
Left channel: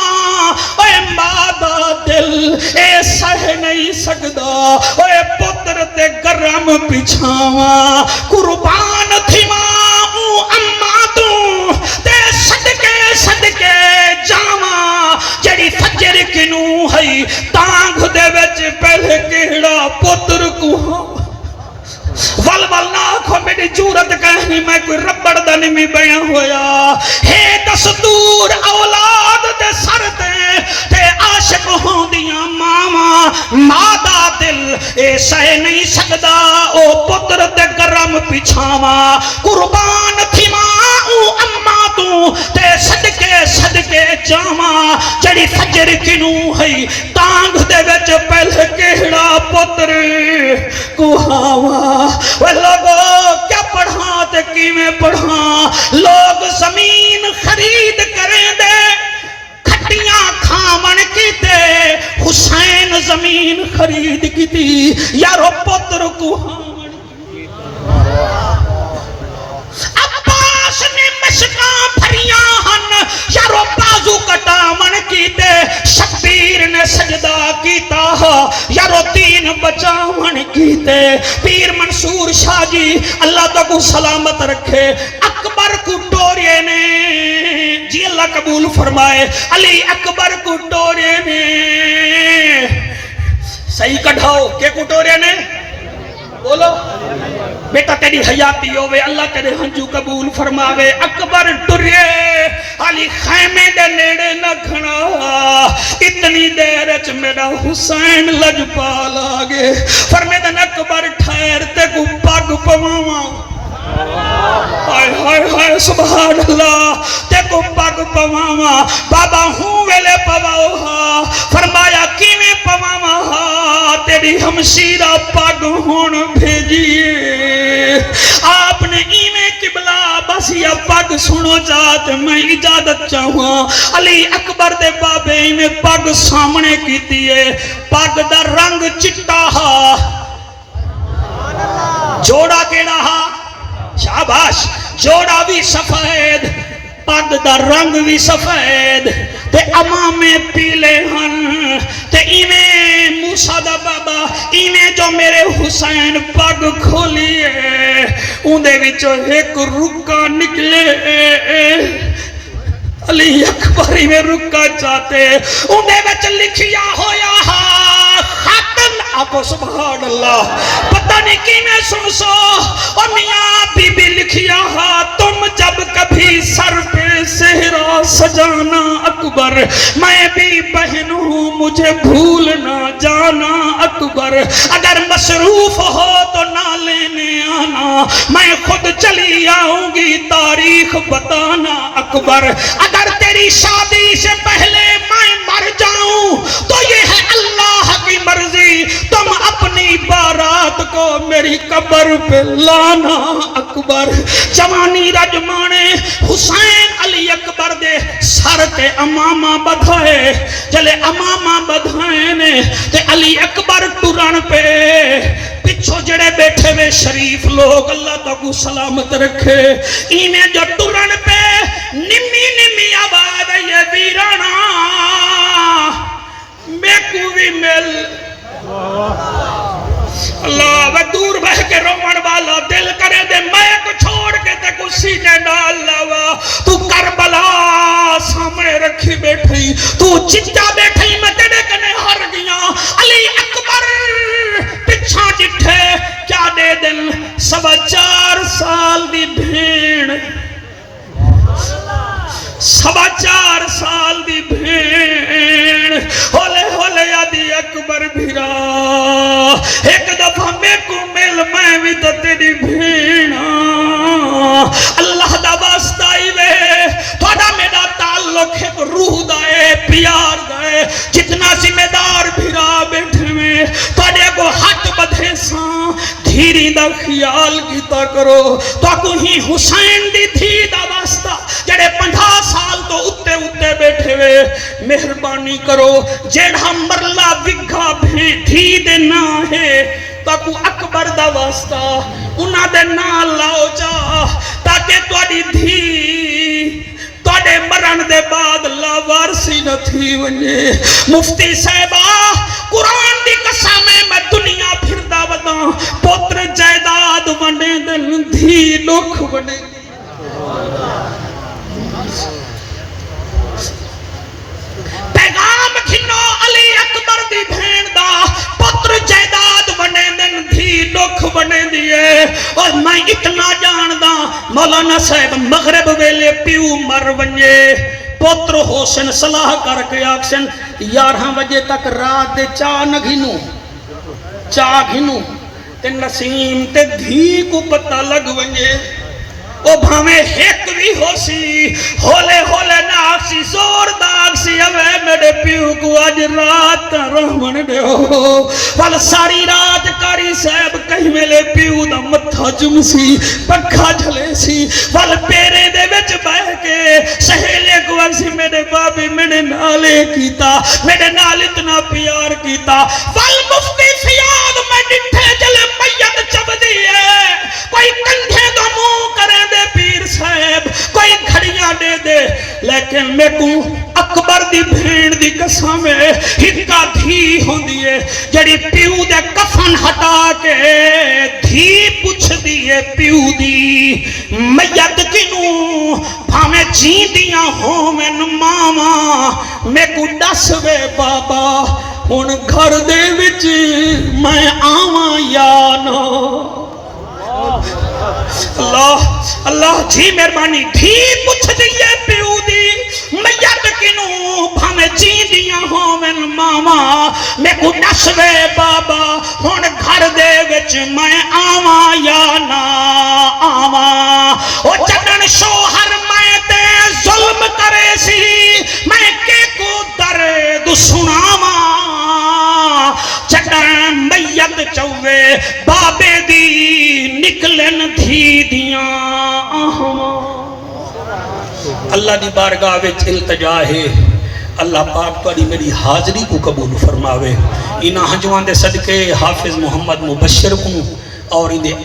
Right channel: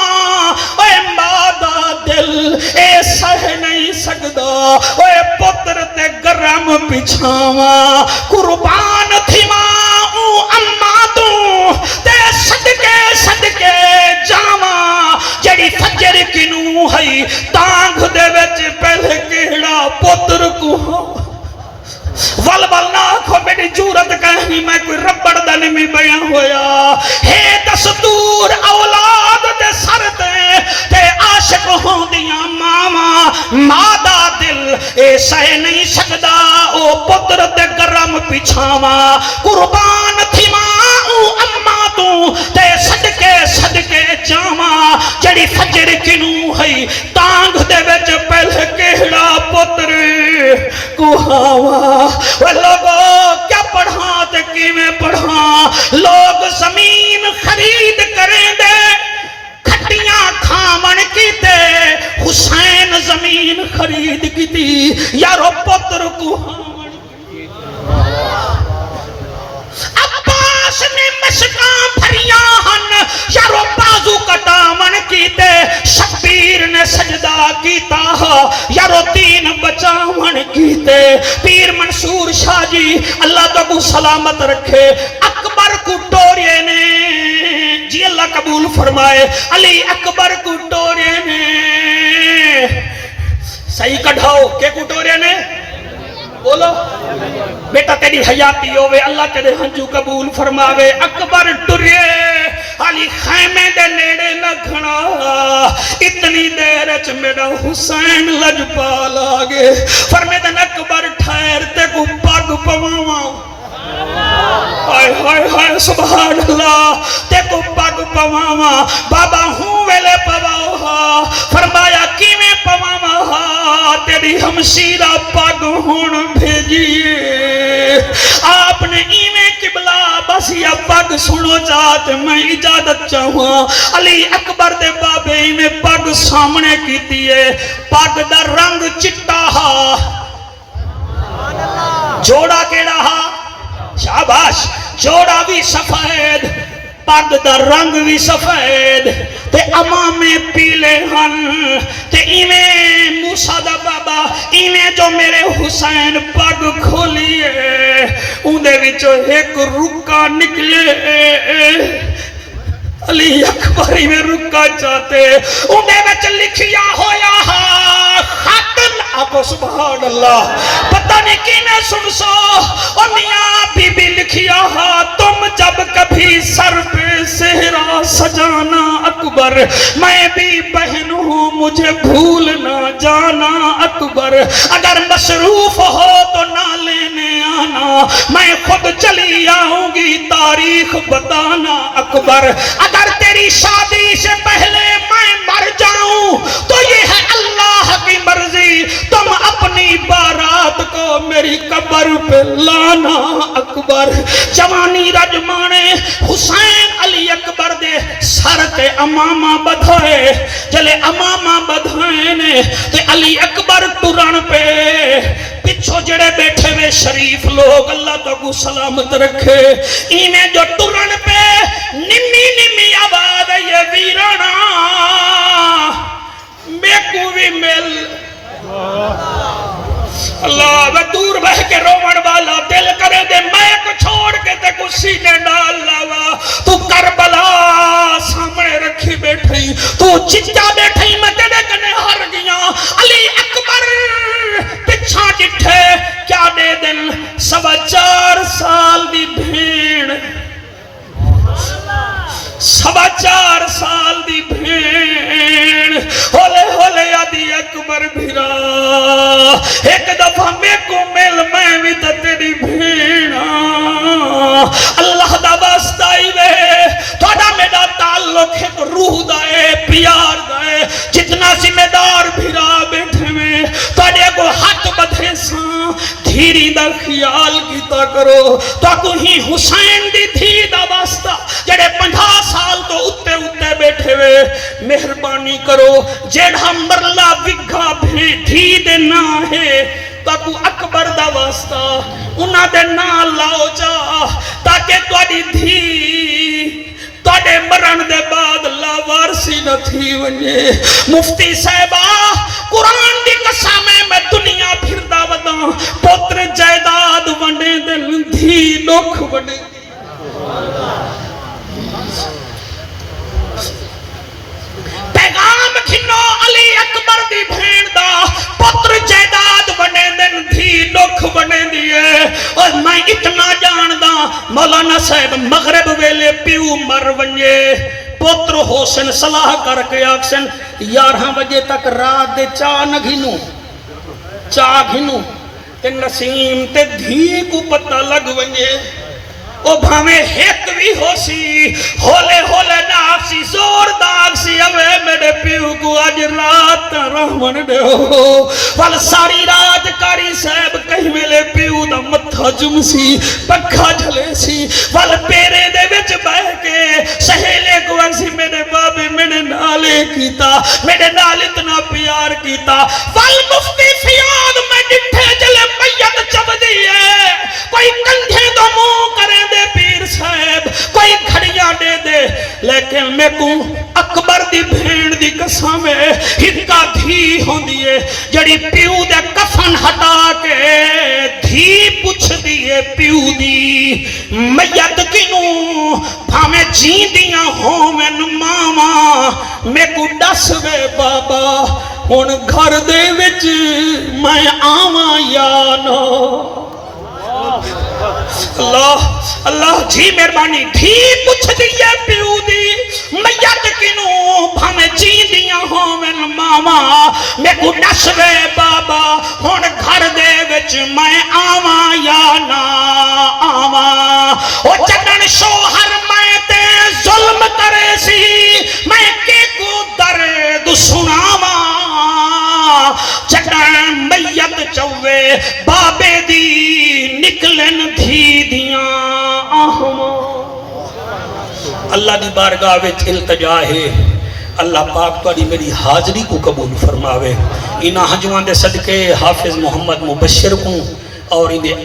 اے مادہ دل اے سہ نہیں سکدا اے پتر تے گرم پچھاوا قربان تھی ماں اماں تو تے صدقے جاواں کنوں ہے تانگ دے وچ پہلے کیڑا پتر کو ول ول نہ آکھو میری جورت کہنی میں کوئی ربڑ دا نمی بیاں ہویا ہے دستور اولاد دے سر تے عاشق ہوں دیاں ماما مادہ دل اے سہ نہیں سکدا او پتر تے گرم پچھاوا قربان تھی ماں او اما تو تے صدقے جاما جڑی فجر کنوں ہے تانگ دے وچ پہلے کیڑا پتر کوہاوا وہ لوگوں کیا پڑھاں تے کیویں پڑھاں لوگ زمین خرید کریں دے کھٹیاں کھامن کیتے حسین زمین خرید کیتی یارو پتر کوہاون عباس نے مشکاں بھریاں ہن یارو بازو کٹامن کیتے شبیر نے سجدہ کیتا یارو دین بچاون کیتے پیر منصور شاہ جی اللہ تو کو سلامت رکھے اکبر کو ٹورے نے جی اللہ قبول فرمائے علی اکبر کو ٹورے نے صحیح کڑھاؤ کہ کو ٹورے نے بولو بیٹا تیری حیاتی ہوئے اللہ تیرے ہنجو قبول فرماوے اکبر ٹرے علی خیمے دے نیڑے نہ کھڑا اتنی دیر اچ میرا حسین لجپال آگے فرمیدن اکبر ٹھہر تے کو پاگ پواواں ہائے ہائے ہائے سبحان اللہ تے کو پاگ پواواں بابا ہوں ویلے پواؤ فرمایا کیویں پواواں تیری ہمشیرہ پاگ ہون بھیجیے آپ نے ایویں قبلہ بس یا پاگ سنو چاہتے میں اجازت چاہوں علی اکبر دے بابے میں پاگ سامنے کیتی ہے پاگ دا رنگ چٹا جوڑا کیڑا شاباش جوڑا بھی سفید پاگ دا رنگ بھی سفید تے امامے پیلے ہن تے ایویں موسیٰ دا بابا ایویں جو میرے حسین پاگ کھولیے اندے وچ ایک رکا نکلے علی اکبری میں رکا چاہتے اندے وچ لکھیا ہویا خاتم آگو سبحان اللہ پتہ نہیں کی میں سنسو اور میاں بی بی لکھیا تم جب کبھی سر پہ سہرا سجانا اکبر میں بھی بہن ہوں مجھے بھول نہ جانا اکبر اگر مصروف ہو تو نہ لینے آنا میں خود چلی آؤں گی تاریخ بتانا اکبر اگر تیری شادی سے پہلے میں مر جاؤں تو یہ ہے اللہ کی مرضی تم اپنی بارات کو میری قبر پہ لانا اکبر جوانی رجمانے حسین علی اکبر دے سر تے امامہ بدھائے جلے امامہ بدھائے نے تے علی اکبر ٹرن پہ پچھو جڑے بیٹھے میں شریف لوگ اللہ تو کو سلامت رکھے اینے جو ٹرن پہ نمی نمی آباد یہ ویرانا میں کو بھی مل اللہ وہ دور بہ کے رومن والا دل کرے دے میں کو چھوڑ کے تے کو سینے ڈال لاوا تو کربلا سامنے رکھی بیٹھی تو چچا بیٹھی میں تیرے کنے ہر گیا علی اکبر پچھا جٹھے کیا دے دن 4.25 سال دی بھیڑ 4.25 سال دی بھیڑ ہولے ہولے علی اکبر بھیرا ایک دفعہ میں کو مل میں بھی تیری بھیڑا اللہ دا واسطہ ہی وے تھوڑا میرا تعلق ایک روح دائے پیار دائے جتنا ذمہ دار بھیرا بیٹھے میں تھوڑے کو ہاتھ بدھے ساں دھیری دا خیال کیتا کرو تو کو ہی حسین دی تھی دا واسطہ جڑے 50 سال تو اتے اتے بیٹھے ہوئے مہربانی کرو جیڑا مرلا وگھا بھی دھی دے نہ ہے تاکو اکبر دا واسطہ انہاں دے نہ لاؤ جا تاکہ توڑی دھی توڑے مرن دے بعد لاوارسی نہ تھی ونجے مفتی صاحبہ قرآن دی قسامیں میں دنیا پھر دا ودا پوتر جائداد ونڈے دل دھی لکھ ونڈے پیغام کھنو اور میں اتنا جاندا مولانا صاحب مغرب ویلے پیو مر ونجے پوتر حسن صلاح کر کے آکسن 11 بجے تک رات دے چاہ گھنو تے نسیم تے دھی کو پتہ لگ ونجے او بھامے ہیک بھی ہو سی ہولے ہولے ناک سی زور داغ سی اوے میرے پیو کو آج رات رحمن دے ہو وال ساری رات کاری صاحب کہیں میلے پیو دا متھا جم سی پکھا جھلے سی وال پیرے دے وچ بہ کے سہیلے کو ورسی میرے بابے میرے نالے کیتا میرے نال اتنا پیار کیتا وال مفتی فیاد میں ڈٹھے جلے میت چب دیئے کوئی کندھے دو منہ کرے دے پیر صاحب کوئی گھڑیاں دے دے لیکن میں کو اکبر دی بھین دی قسم ہے ہکا دھی ہوں دیئے جڑی پیو دے کفن ہٹا کے دھی پوچھ دیئے پیو دی میت کنوں بھامے جین دیاں ہوں من ماما میں کو ڈس وے بابا ان گھر دے وچ میں آواں یا نو اللہ جی مہربانی دھی پوچھ دیئے پیو دی میت کنوں بھامے جی دیاں ہوں من ماما میں کو نسوے بابا ہون گھر دے وچ میں آواں یا نا آواں او چکن شوہر میں تے ظلم کرے سی میں کے کو درد سناواں چکن میت چوے بابے دی نکلن دھی دیاں آہماں اللہ دی بارگاہ وچ التجا ہے اللہ پاک تاری میری حاضری کو قبول فرماوے انہاں حجوان دے صدقے حافظ محمد مبشر کو اور انہیں